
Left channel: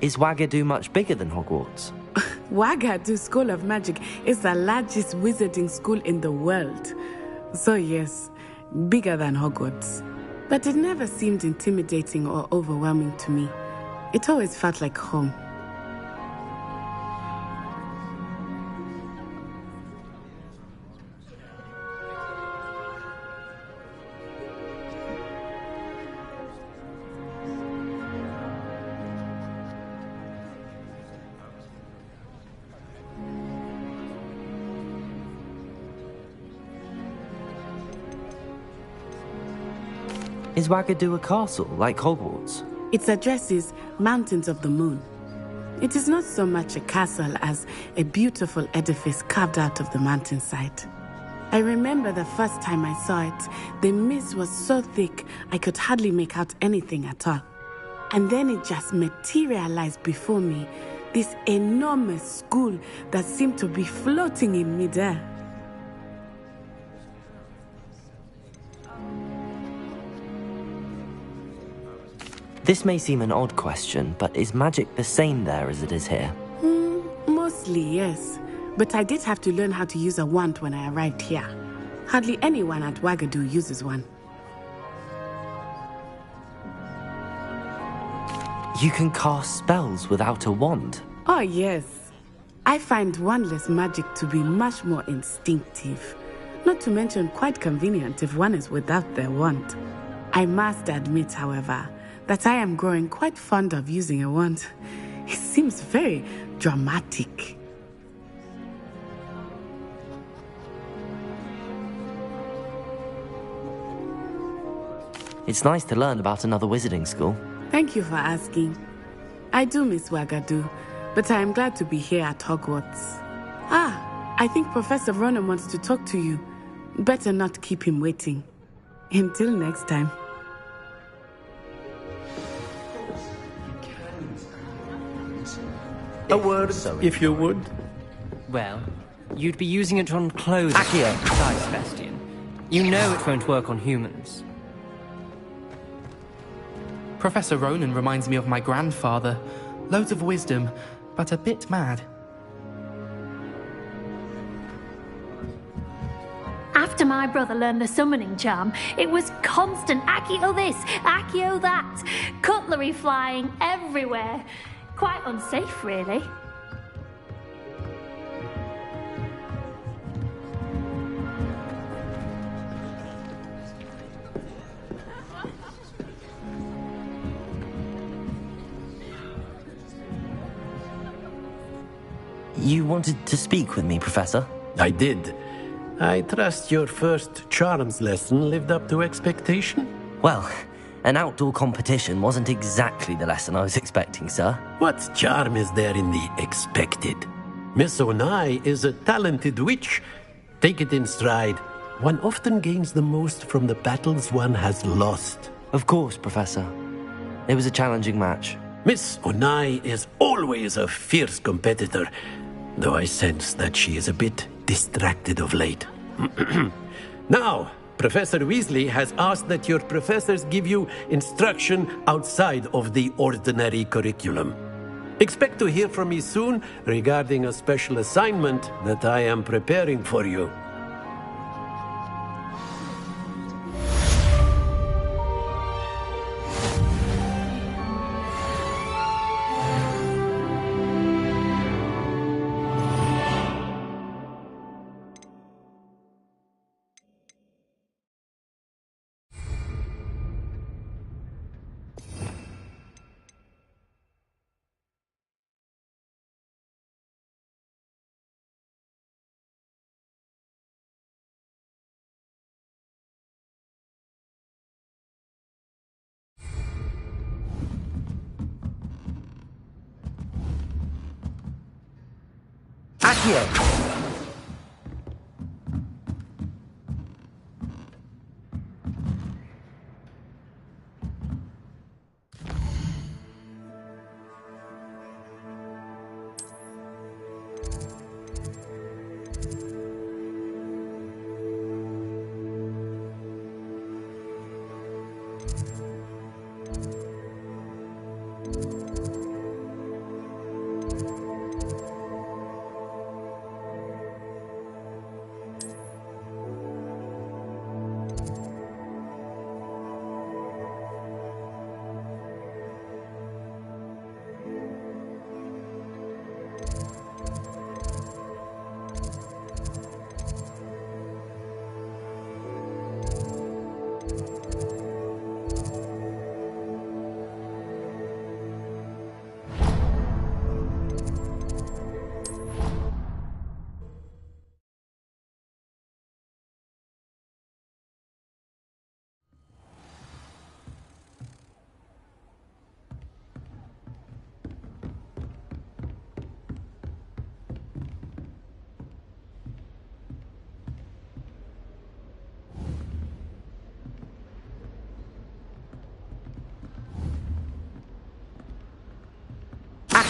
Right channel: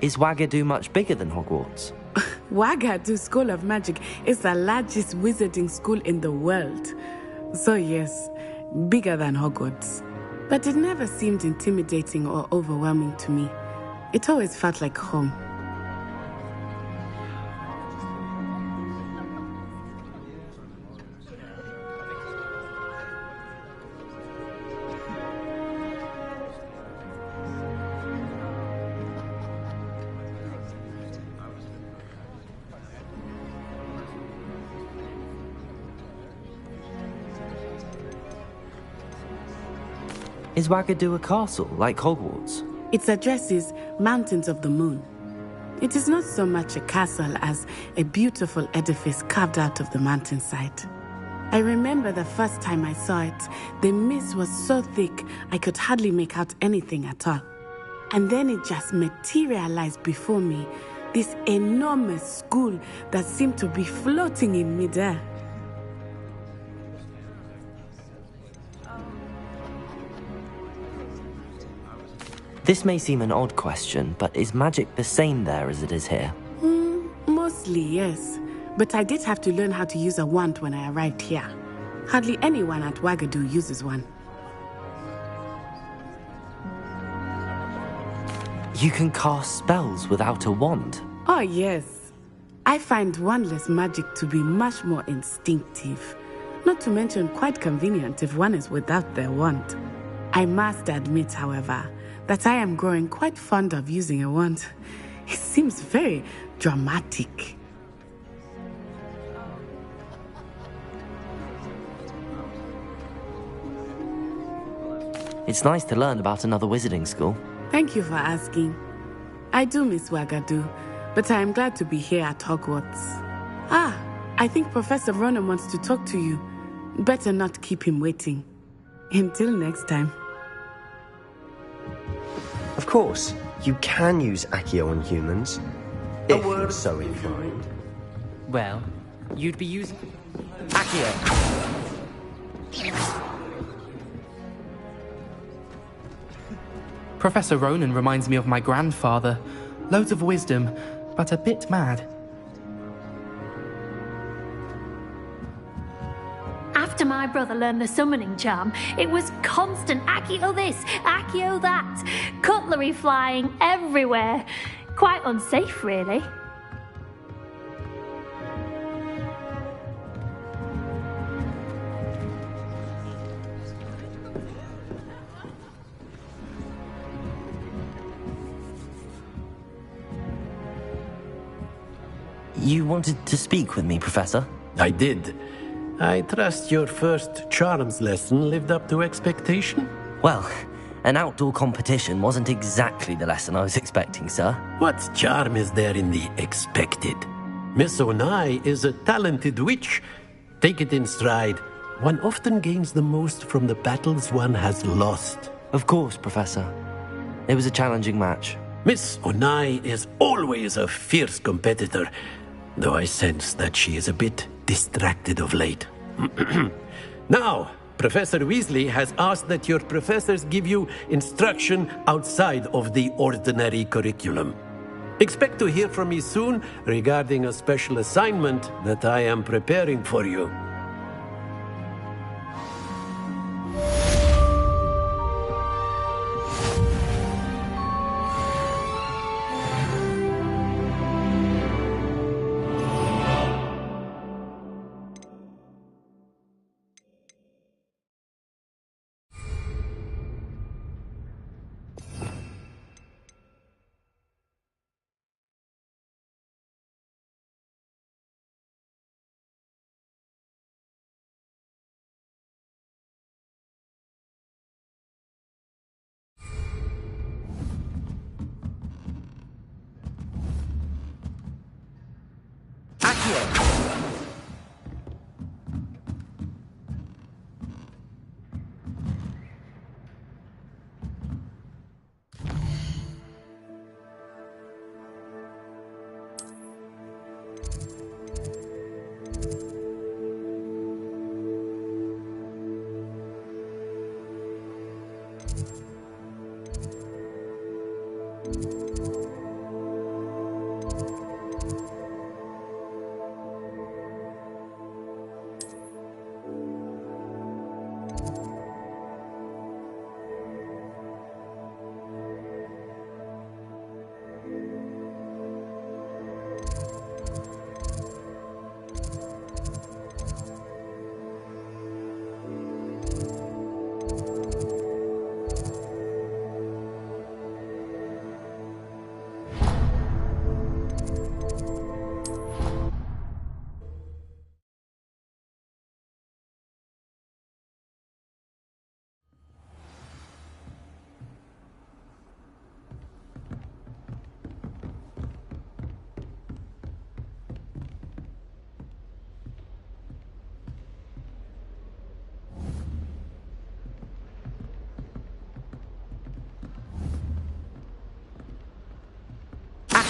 Is Wagadu much bigger than Hogwarts? Wagadu School of Magic is the largest wizarding school in the world. So yes, bigger than Hogwarts. But it never seemed intimidating or overwhelming to me. It always felt like home. Is Wagadu a castle, like Hogwarts? Its address is Mountains of the Moon. It is not so much a castle as a beautiful edifice carved out of the mountainside. I remember the first time I saw it, the mist was so thick I could hardly make out anything at all. And then it just materialized before me. This enormous school that seemed to be floating in midair. This may seem an odd question, but is magic the same there as it is here? Mostly, yes. But I did have to learn how to use a wand when I arrived here. Hardly anyone at Wagadu uses one. You can cast spells without a wand? Oh, yes. I find wandless magic to be much more instinctive. Not to mention quite convenient if one is without their wand. I must admit, however, that I am growing quite fond of using a wand. It seems very dramatic. It's nice to learn about another wizarding school. Thank you for asking. I do miss Wagadu, but I am glad to be here at Hogwarts. I think Professor Ronan wants to talk to you. Better not keep him waiting. Until next time. Of course, you can use Accio on humans. A word, if you would. Well, you'd be using it on clothes. Accio! Question. You know it won't work on humans. Professor Ronan reminds me of my grandfather. Loads of wisdom, but a bit mad. After my brother learned the summoning charm, it was constant Accio this, Accio that. Cutlery flying everywhere. Quite unsafe, really. You wanted to speak with me, Professor? I did. I trust your first charms lesson lived up to expectation? Well, an outdoor competition wasn't exactly the lesson I was expecting, sir. What charm is there in the expected? Miss Onai is a talented witch. Take it in stride. One often gains the most from the battles one has lost. Of course, Professor. It was a challenging match. Miss Onai is always a fierce competitor, though I sense that she is a bit distracted of late. Now, Professor Weasley has asked that your professors give you instruction outside of the ordinary curriculum. Expect to hear from me soon regarding a special assignment that I am preparing for you. Accio!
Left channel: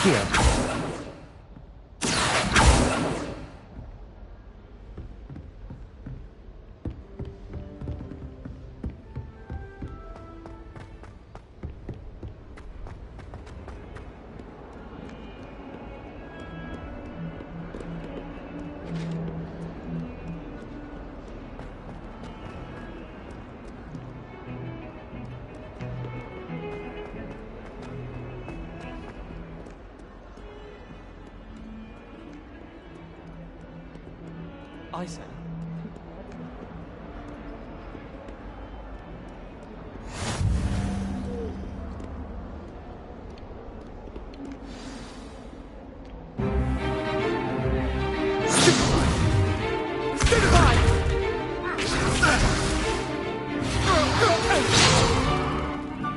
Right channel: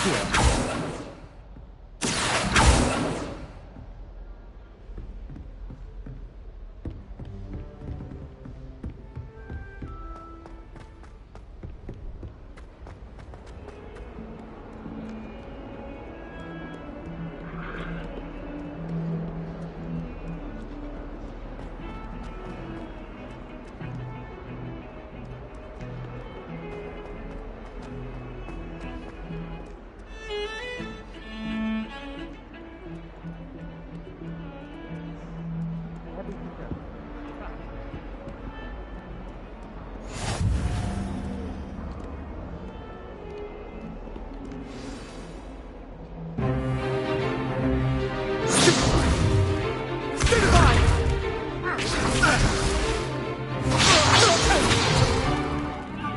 Here.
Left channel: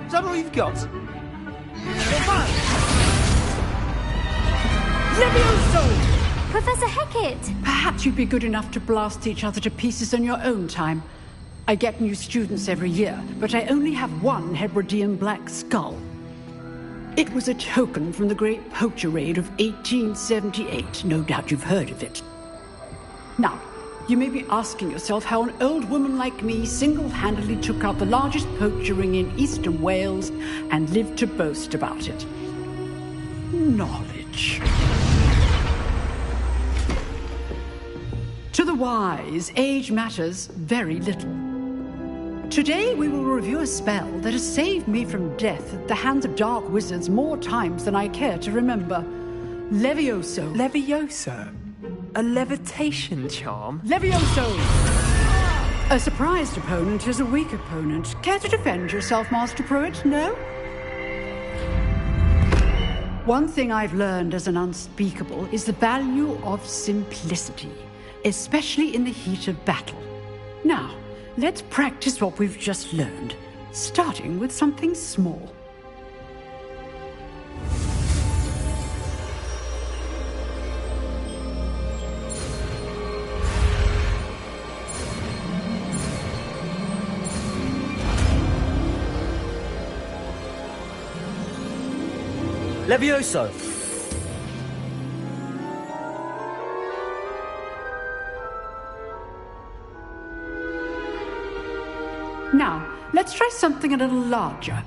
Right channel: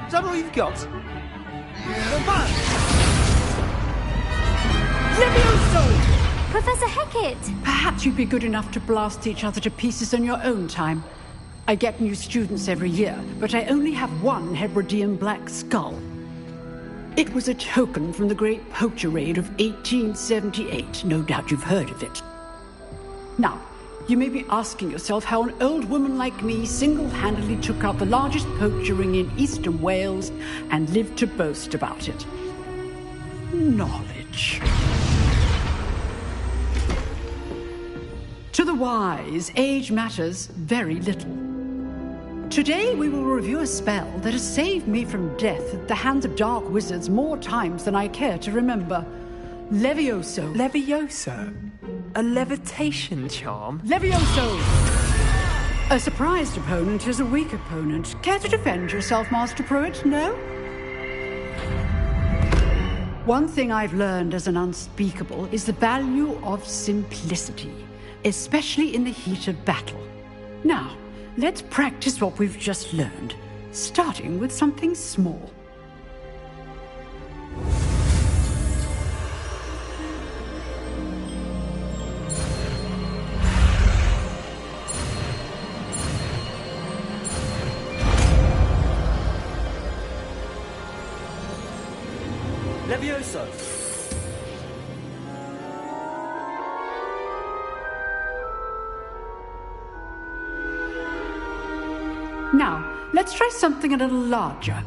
Is that all you've got? Levioso! Professor Hecat! Perhaps you'd be good enough to blast each other to pieces on your own time. I get new students every year, but I only have one Hebridean black skull. It was a token from the Great Poacher Raid of 1878. No doubt you've heard of it. Now, you may be asking yourself how an old woman like me single-handedly took out the largest poacher ring in eastern Wales and lived to boast about it. Knowledge. To the wise, age matters very little. Today we will review a spell that has saved me from death at the hands of dark wizards more times than I care to remember. Levioso. Levioso? A levitation charm? Levioso! A surprised opponent is a weak opponent. Care to defend yourself, Master Pruitt? No? One thing I've learned as an unspeakable is the value of simplicity, especially in the heat of battle. Now, let's practice what we've just learned, starting with something small. Levioso! Now, let's try something a little larger.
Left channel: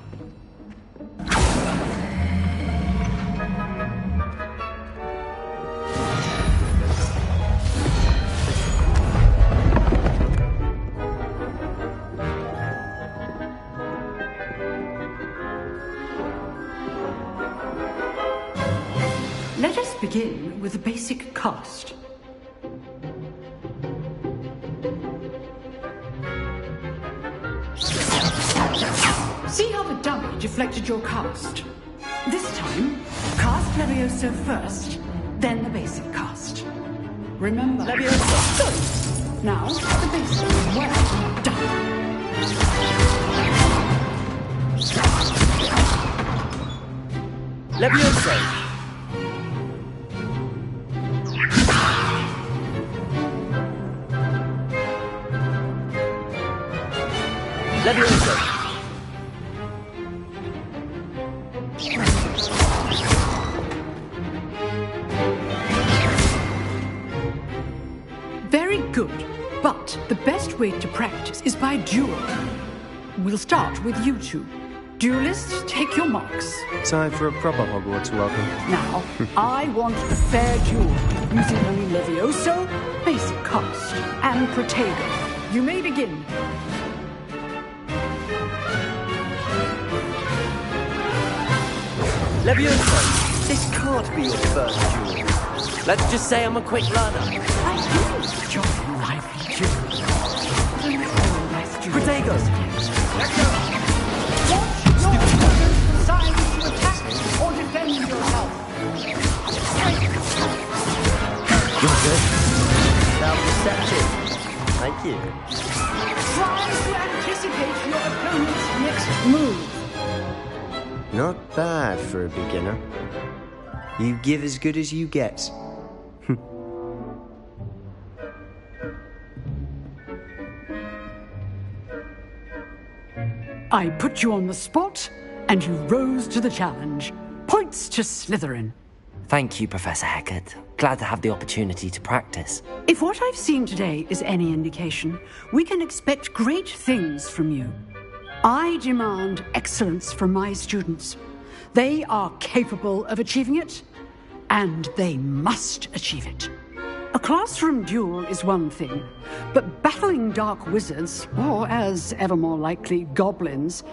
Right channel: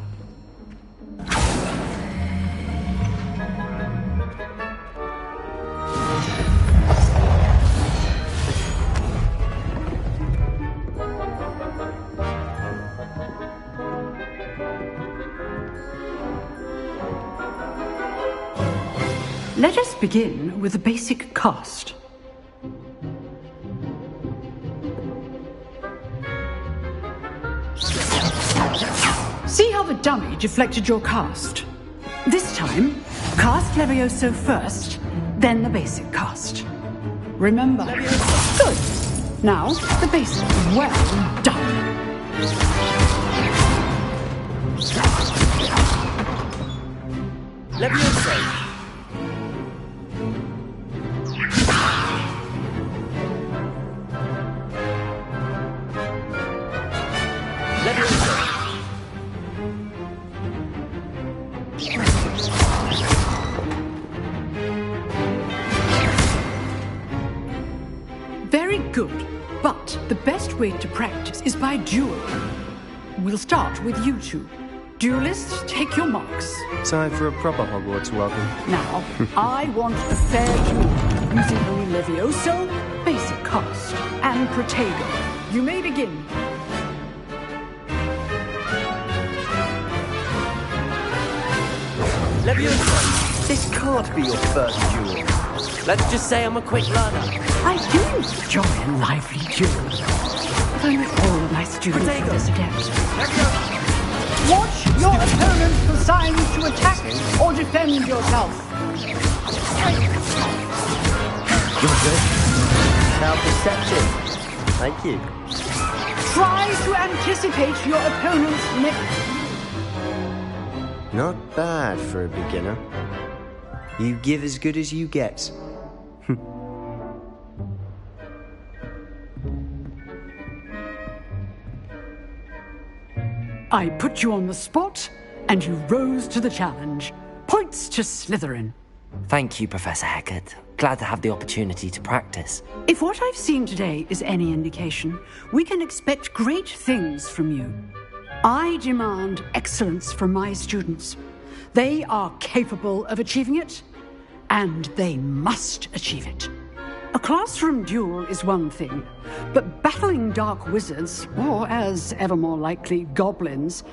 Let us begin with the basic cast. See how the dummy deflected your cast? This time, cast Levioso first, then the basic cast. Remember. Levioso. Good. Now, the basic. Well done. Levioso! Levioso! Very good, but the best way to practice is by duel. We'll start with you two. Duelists, take your marks. Time for a proper Hogwarts welcome. Now, I want a fair duel, using only Levioso, basic cast, and Protego. You may begin. Levioso! This can't be your first duel. Let's just say I'm a quick learner. I do enjoy a lively duel. But I'm all my students Protego! Levioso! Watch your opponent for signs to attack or defend yourself. You're good. Now perception. Thank you. Try to anticipate your opponent's next move. Not bad for a beginner. You give as good as you get. I put you on the spot, and you rose to the challenge. Points to Slytherin. Thank you, Professor Hecat. Glad to have the opportunity to practice. If what I've seen today is any indication, we can expect great things from you. I demand excellence from my students. They are capable of achieving it, and they must achieve it. A classroom duel is one thing, but battling dark wizards, or as ever more likely, goblins,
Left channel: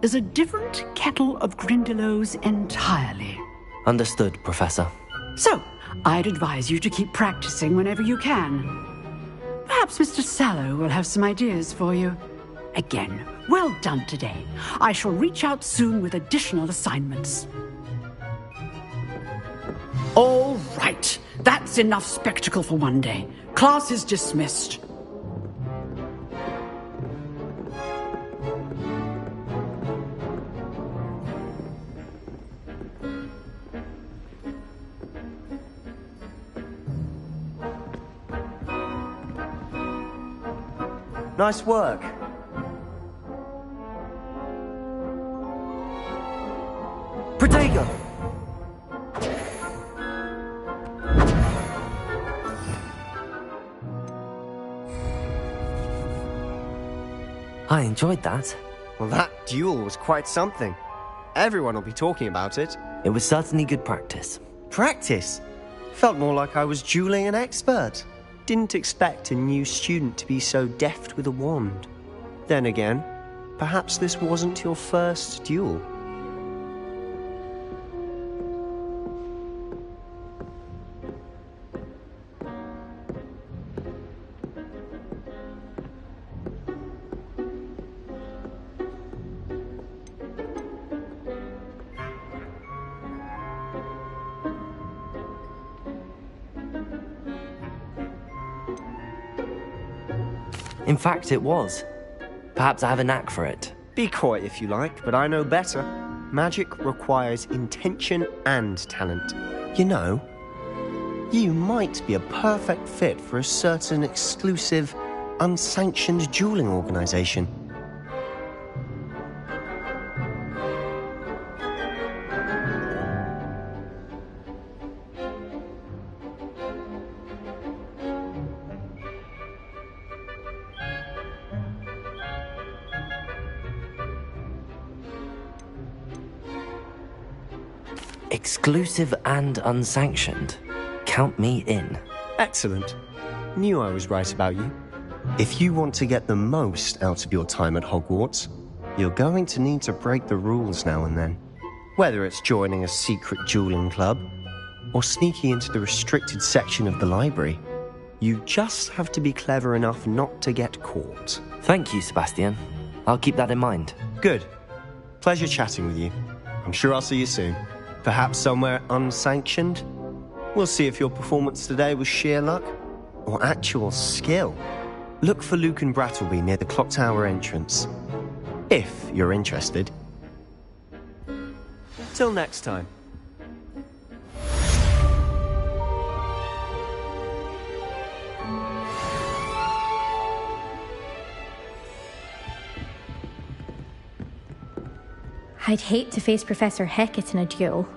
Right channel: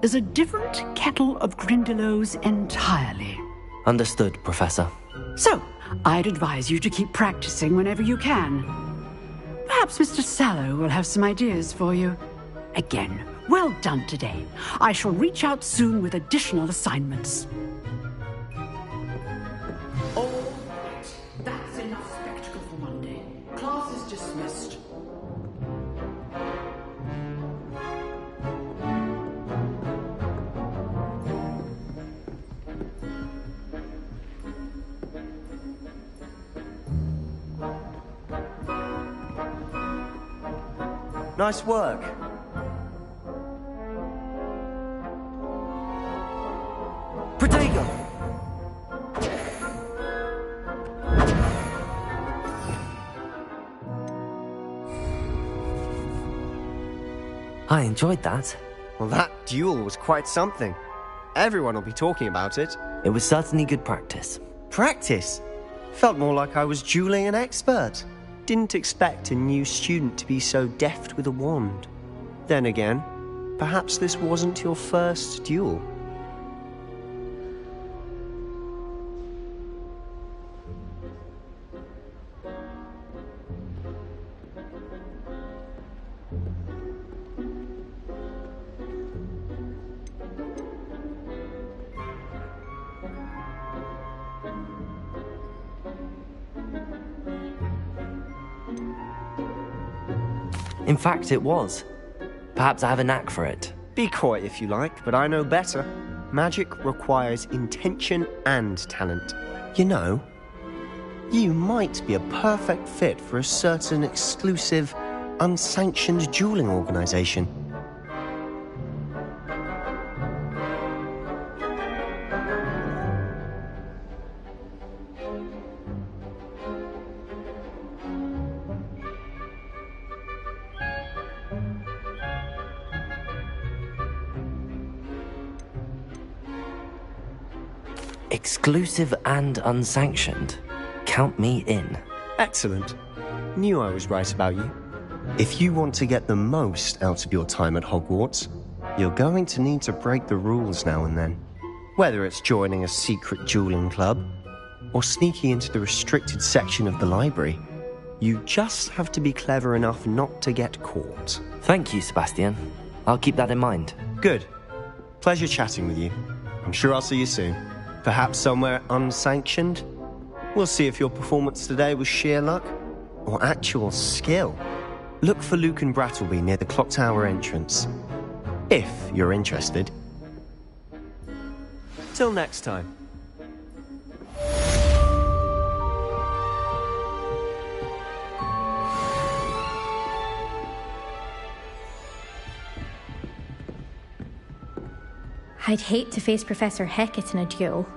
is a different kettle of Grindylows entirely. Understood, Professor. So, I'd advise you to keep practicing whenever you can. Perhaps Mr. Sallow will have some ideas for you. Again, well done today. I shall reach out soon with additional assignments. All right. That's enough spectacle for one day. Class is dismissed. Nice work. Protego! I enjoyed that. Well, that duel was quite something. Everyone will be talking about it. It was certainly good practice. Practice? Felt more like I was dueling an expert. Didn't expect a new student to be so deft with a wand. Then again, perhaps this wasn't your first duel. In fact, it was. Perhaps I have a knack for it. Be coy if you like, but I know better. Magic requires intention and talent. You know, you might be a perfect fit for a certain exclusive, unsanctioned dueling organization. Exclusive and unsanctioned. Count me in. Excellent. Knew I was right about you. If you want to get the most out of your time at Hogwarts, you're going to need to break the rules now and then. Whether it's joining a secret dueling club, or sneaking into the restricted section of the library, you just have to be clever enough not to get caught. Thank you, Sebastian. I'll keep that in mind. Good. Pleasure chatting with you. I'm sure I'll see you soon. Perhaps somewhere unsanctioned? We'll see if your performance today was sheer luck or actual skill. Look for Luke and Brattleby near the clock tower entrance, if you're interested. Till next time. I'd hate to face Professor Hecat in a duel.